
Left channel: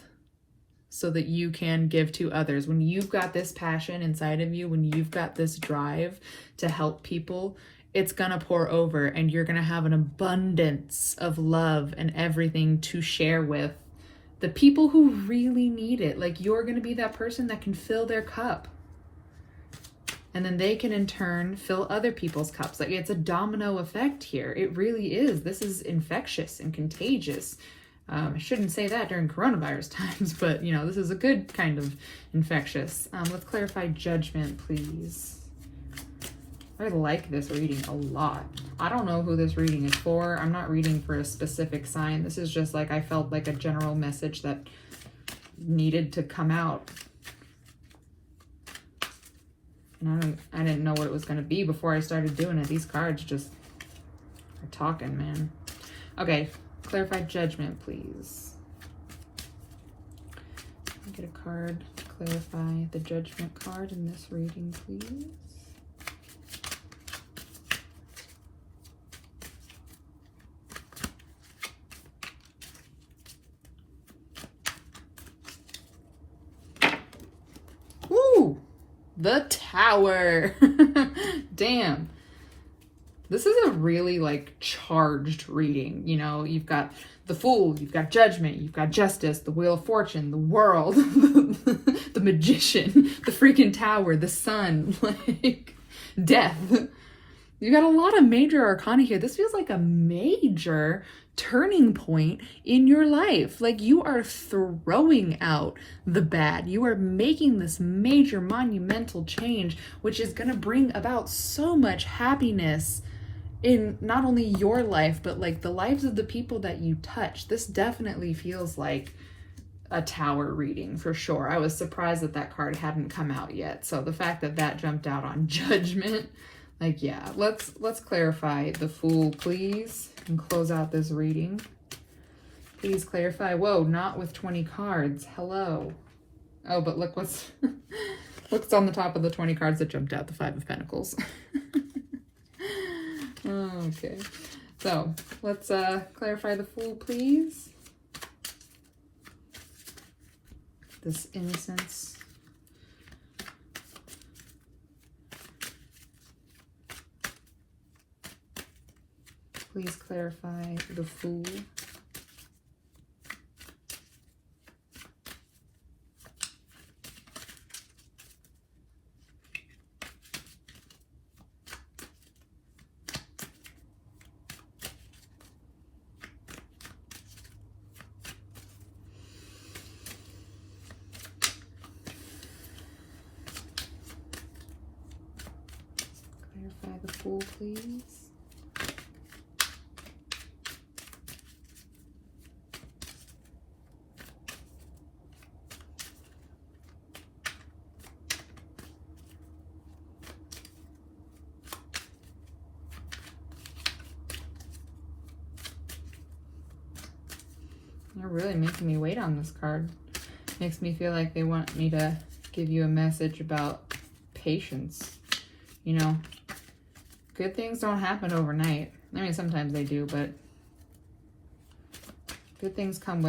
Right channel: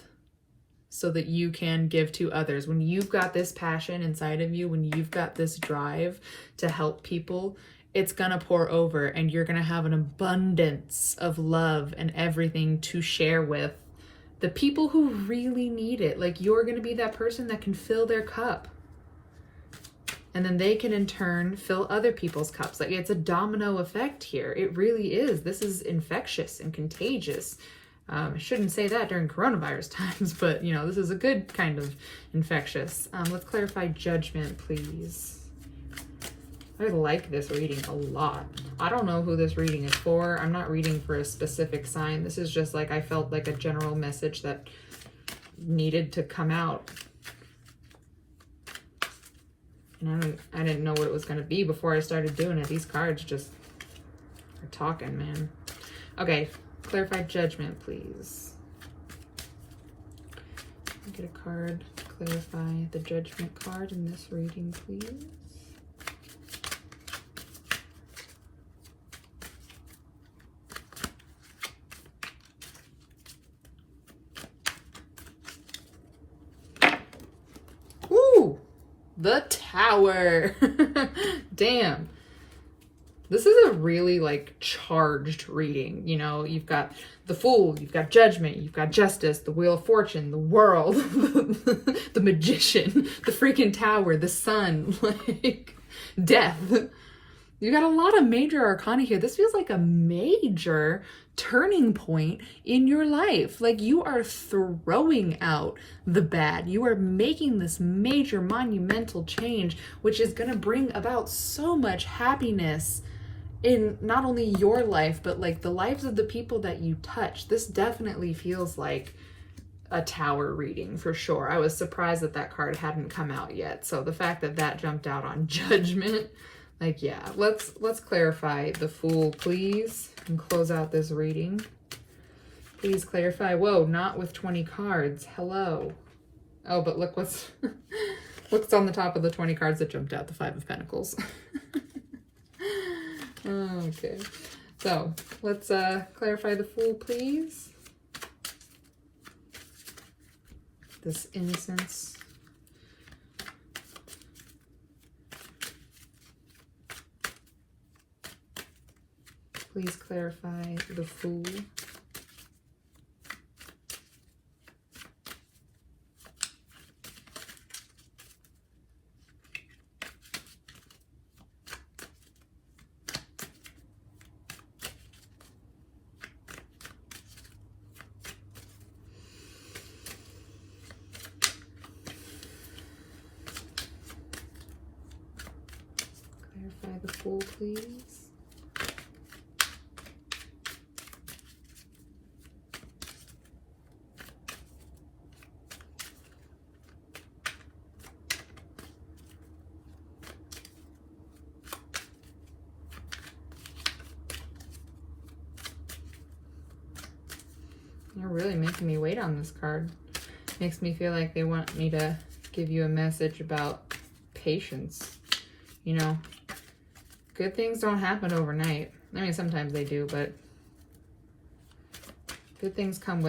so that you can give to others. When you've got this passion inside of you, when you've got this drive to help people, it's gonna pour over and you're gonna have an abundance of love and everything to share with the people who really need it. Like, you're gonna be that person that can fill their cup. And then they can in turn fill other people's cups. Like, it's a domino effect here. It really is. This is infectious and contagious. I shouldn't say that during coronavirus times, but you know, this is a good kind of infectious. Let's clarify judgment, please. I like this reading a lot. I don't know who this reading is for. I'm not reading for a specific sign. This is just like, I felt like a general message that needed to come out. And I didn't know what it was going to be before I started doing it. These cards just are talking, man. Okay, clarify judgment, please. Get a card to clarify the judgment card in this reading, please. Ooh, the Tower. Damn. This is a really like charged reading. You know, you've got the Fool, you've got Judgment, you've got Justice, the Wheel of Fortune, the World, the Magician, the freaking Tower, the Sun, like Death. You got a lot of major arcana here. This feels like a major turning point in your life. Like, you are throwing out the bad. You are making this major monumental change, which is going to bring about so much happiness in not only your life, but like the lives of the people that you touch. This definitely feels like a Tower reading for sure. I was surprised that that card hadn't come out yet. So the fact that that jumped out on Judgment, like, yeah, let's clarify the Fool, please, and close out this reading. Please clarify. Whoa, not with 20 cards. Hello. Oh, but look what's what's on the top of the 20 cards that jumped out, the Five of Pentacles. Okay, so let's clarify the Fool, please. This innocence. Please clarify the Fool. Clarify the Fool, please. You're really making me wait on this card. Makes me feel like they want me to give you a message about patience. You know, good things don't happen overnight. I mean, sometimes they do, but good things come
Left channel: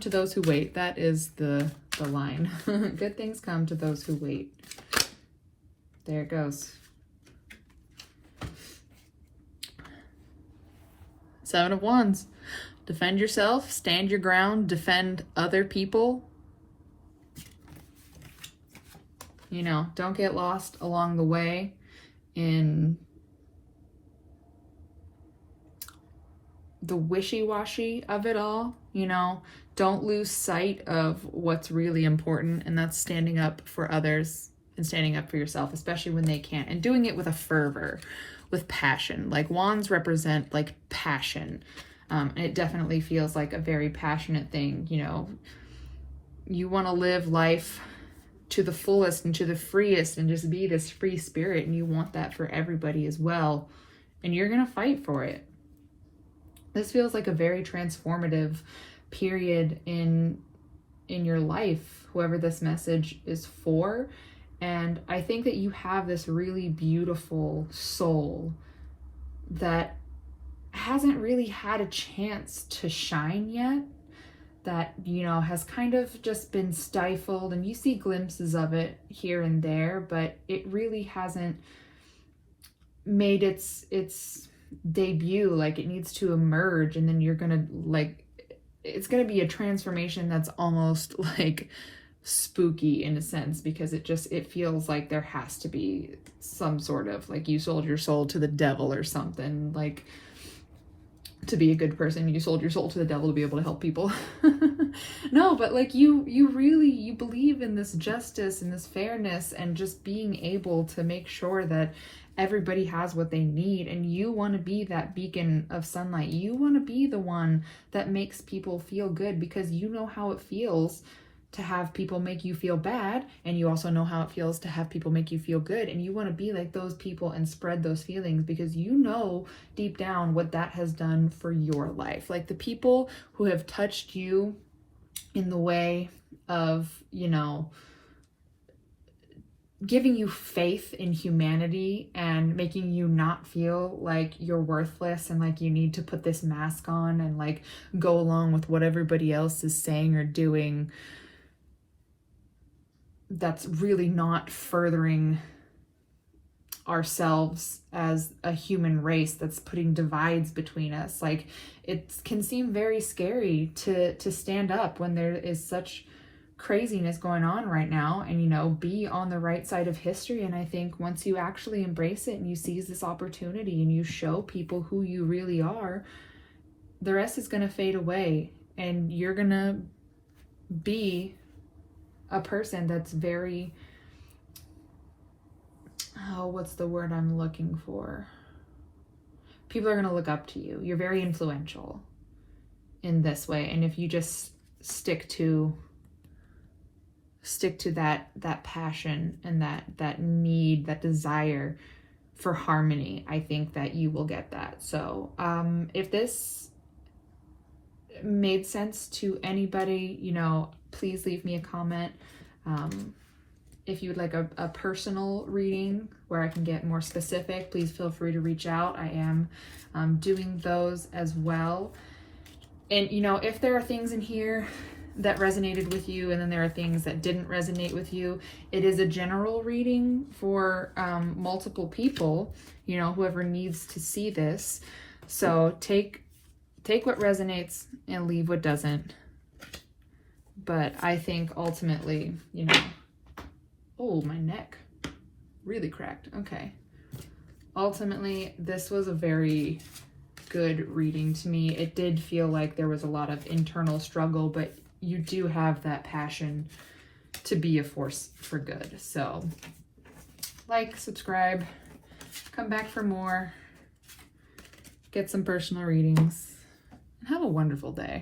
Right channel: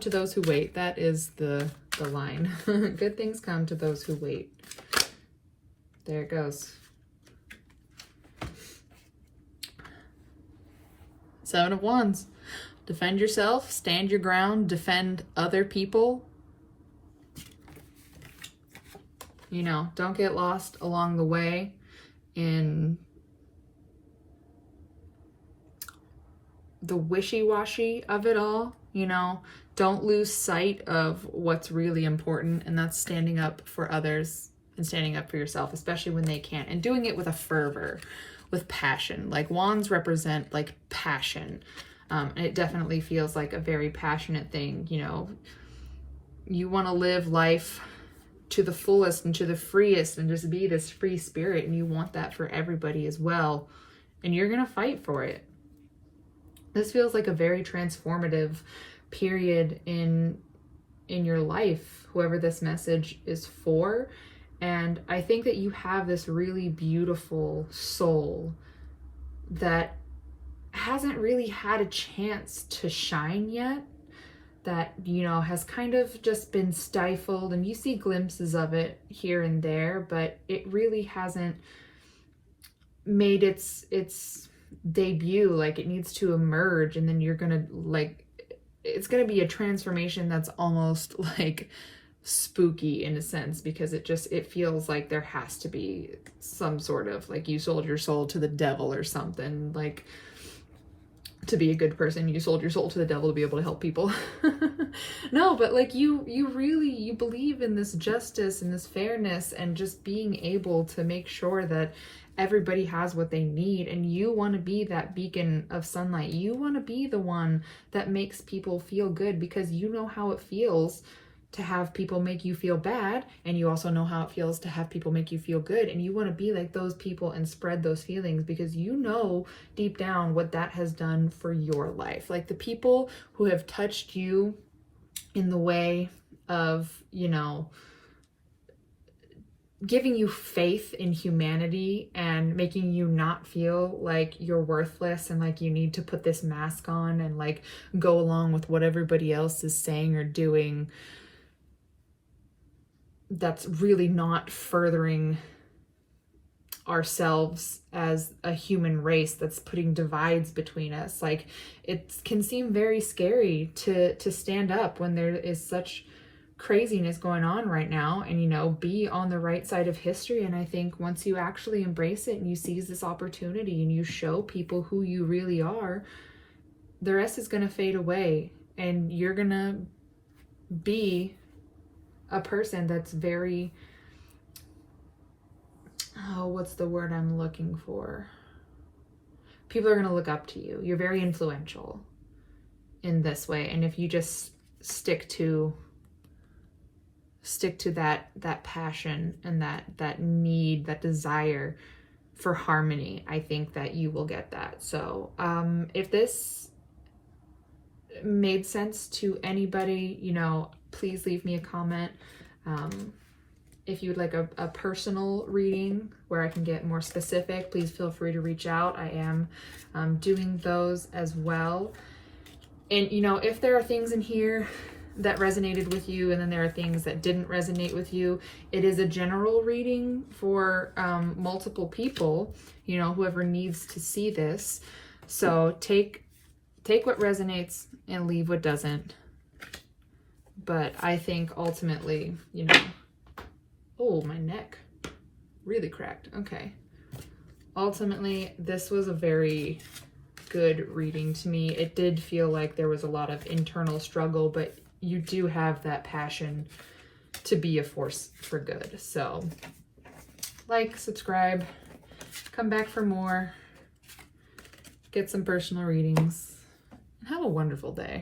to those who wait. That is the line. Good things come to those who wait. There it goes. Seven of Wands. Defend yourself, stand your ground, defend other people. You know, don't get lost along the way in the wishy-washy of it all. You know, don't lose sight of what's really important, and that's standing up for others and standing up for yourself, especially when they can't, and doing it with a fervor, with passion. Like, wands represent like passion. And it definitely feels like a very passionate thing. You know, you want to live life to the fullest and to the freest and just be this free spirit, and you want that for everybody as well, and you're gonna fight for it. This feels like a very transformative period in in your life, whoever this message is for. And I think that you have this really beautiful soul that hasn't really had a chance to shine yet, that, you know, has kind of just been stifled, and you see glimpses of it here and there, but it really hasn't made its debut. Like, it needs to emerge, and then you're gonna, like, it's gonna be a transformation that's almost like spooky in a sense, because it feels like there has to be some sort of, like, you sold your soul to the devil or something, like, to be a good person, you sold your soul to the devil to be able to help people. No, but like you really believe in this justice and this fairness, and just being able to make sure that everybody has what they need, and you want to be that beacon of sunlight. You want to be the one that makes people feel good, because you know how it feels to have people make you feel bad, and you also know how it feels to have people make you feel good, and you want to be like those people and spread those feelings, because you know deep down what that has done for your life. Like, the people who have touched you in the way of, you know, giving you faith in humanity and making you not feel like you're worthless and like you need to put this mask on and like go along with what everybody else is saying or doing, that's really not furthering ourselves as a human race, that's putting divides between us. Like, it can seem very scary to stand up when there is such craziness going on right now, and, you know, be on the right side of history. And I think once you actually embrace it and you seize this opportunity and you show people who you really are, the rest is going to fade away, and you're going to be a person that's very, what's the word I'm looking for? People are going to look up to you. You're very influential in this way. And if you just stick to that passion and that need, that desire for harmony, I think that you will get that. So if this made sense to anybody, you know, please leave me a comment. If you'd like a personal reading where I can get more specific, please feel free to reach out. I am doing those as well. And, you know, if there are things in here that resonated with you, and then there are things that didn't resonate with you, it is a general reading for multiple people, you know, whoever needs to see this. So take what resonates and leave what doesn't. But I think ultimately, you know, oh, my neck really cracked. Okay. Ultimately, this was a very good reading to me. It did feel like there was a lot of internal struggle, but you do have that passion to be a force for good. So, like, subscribe, come back for more, get some personal readings, and have a wonderful day.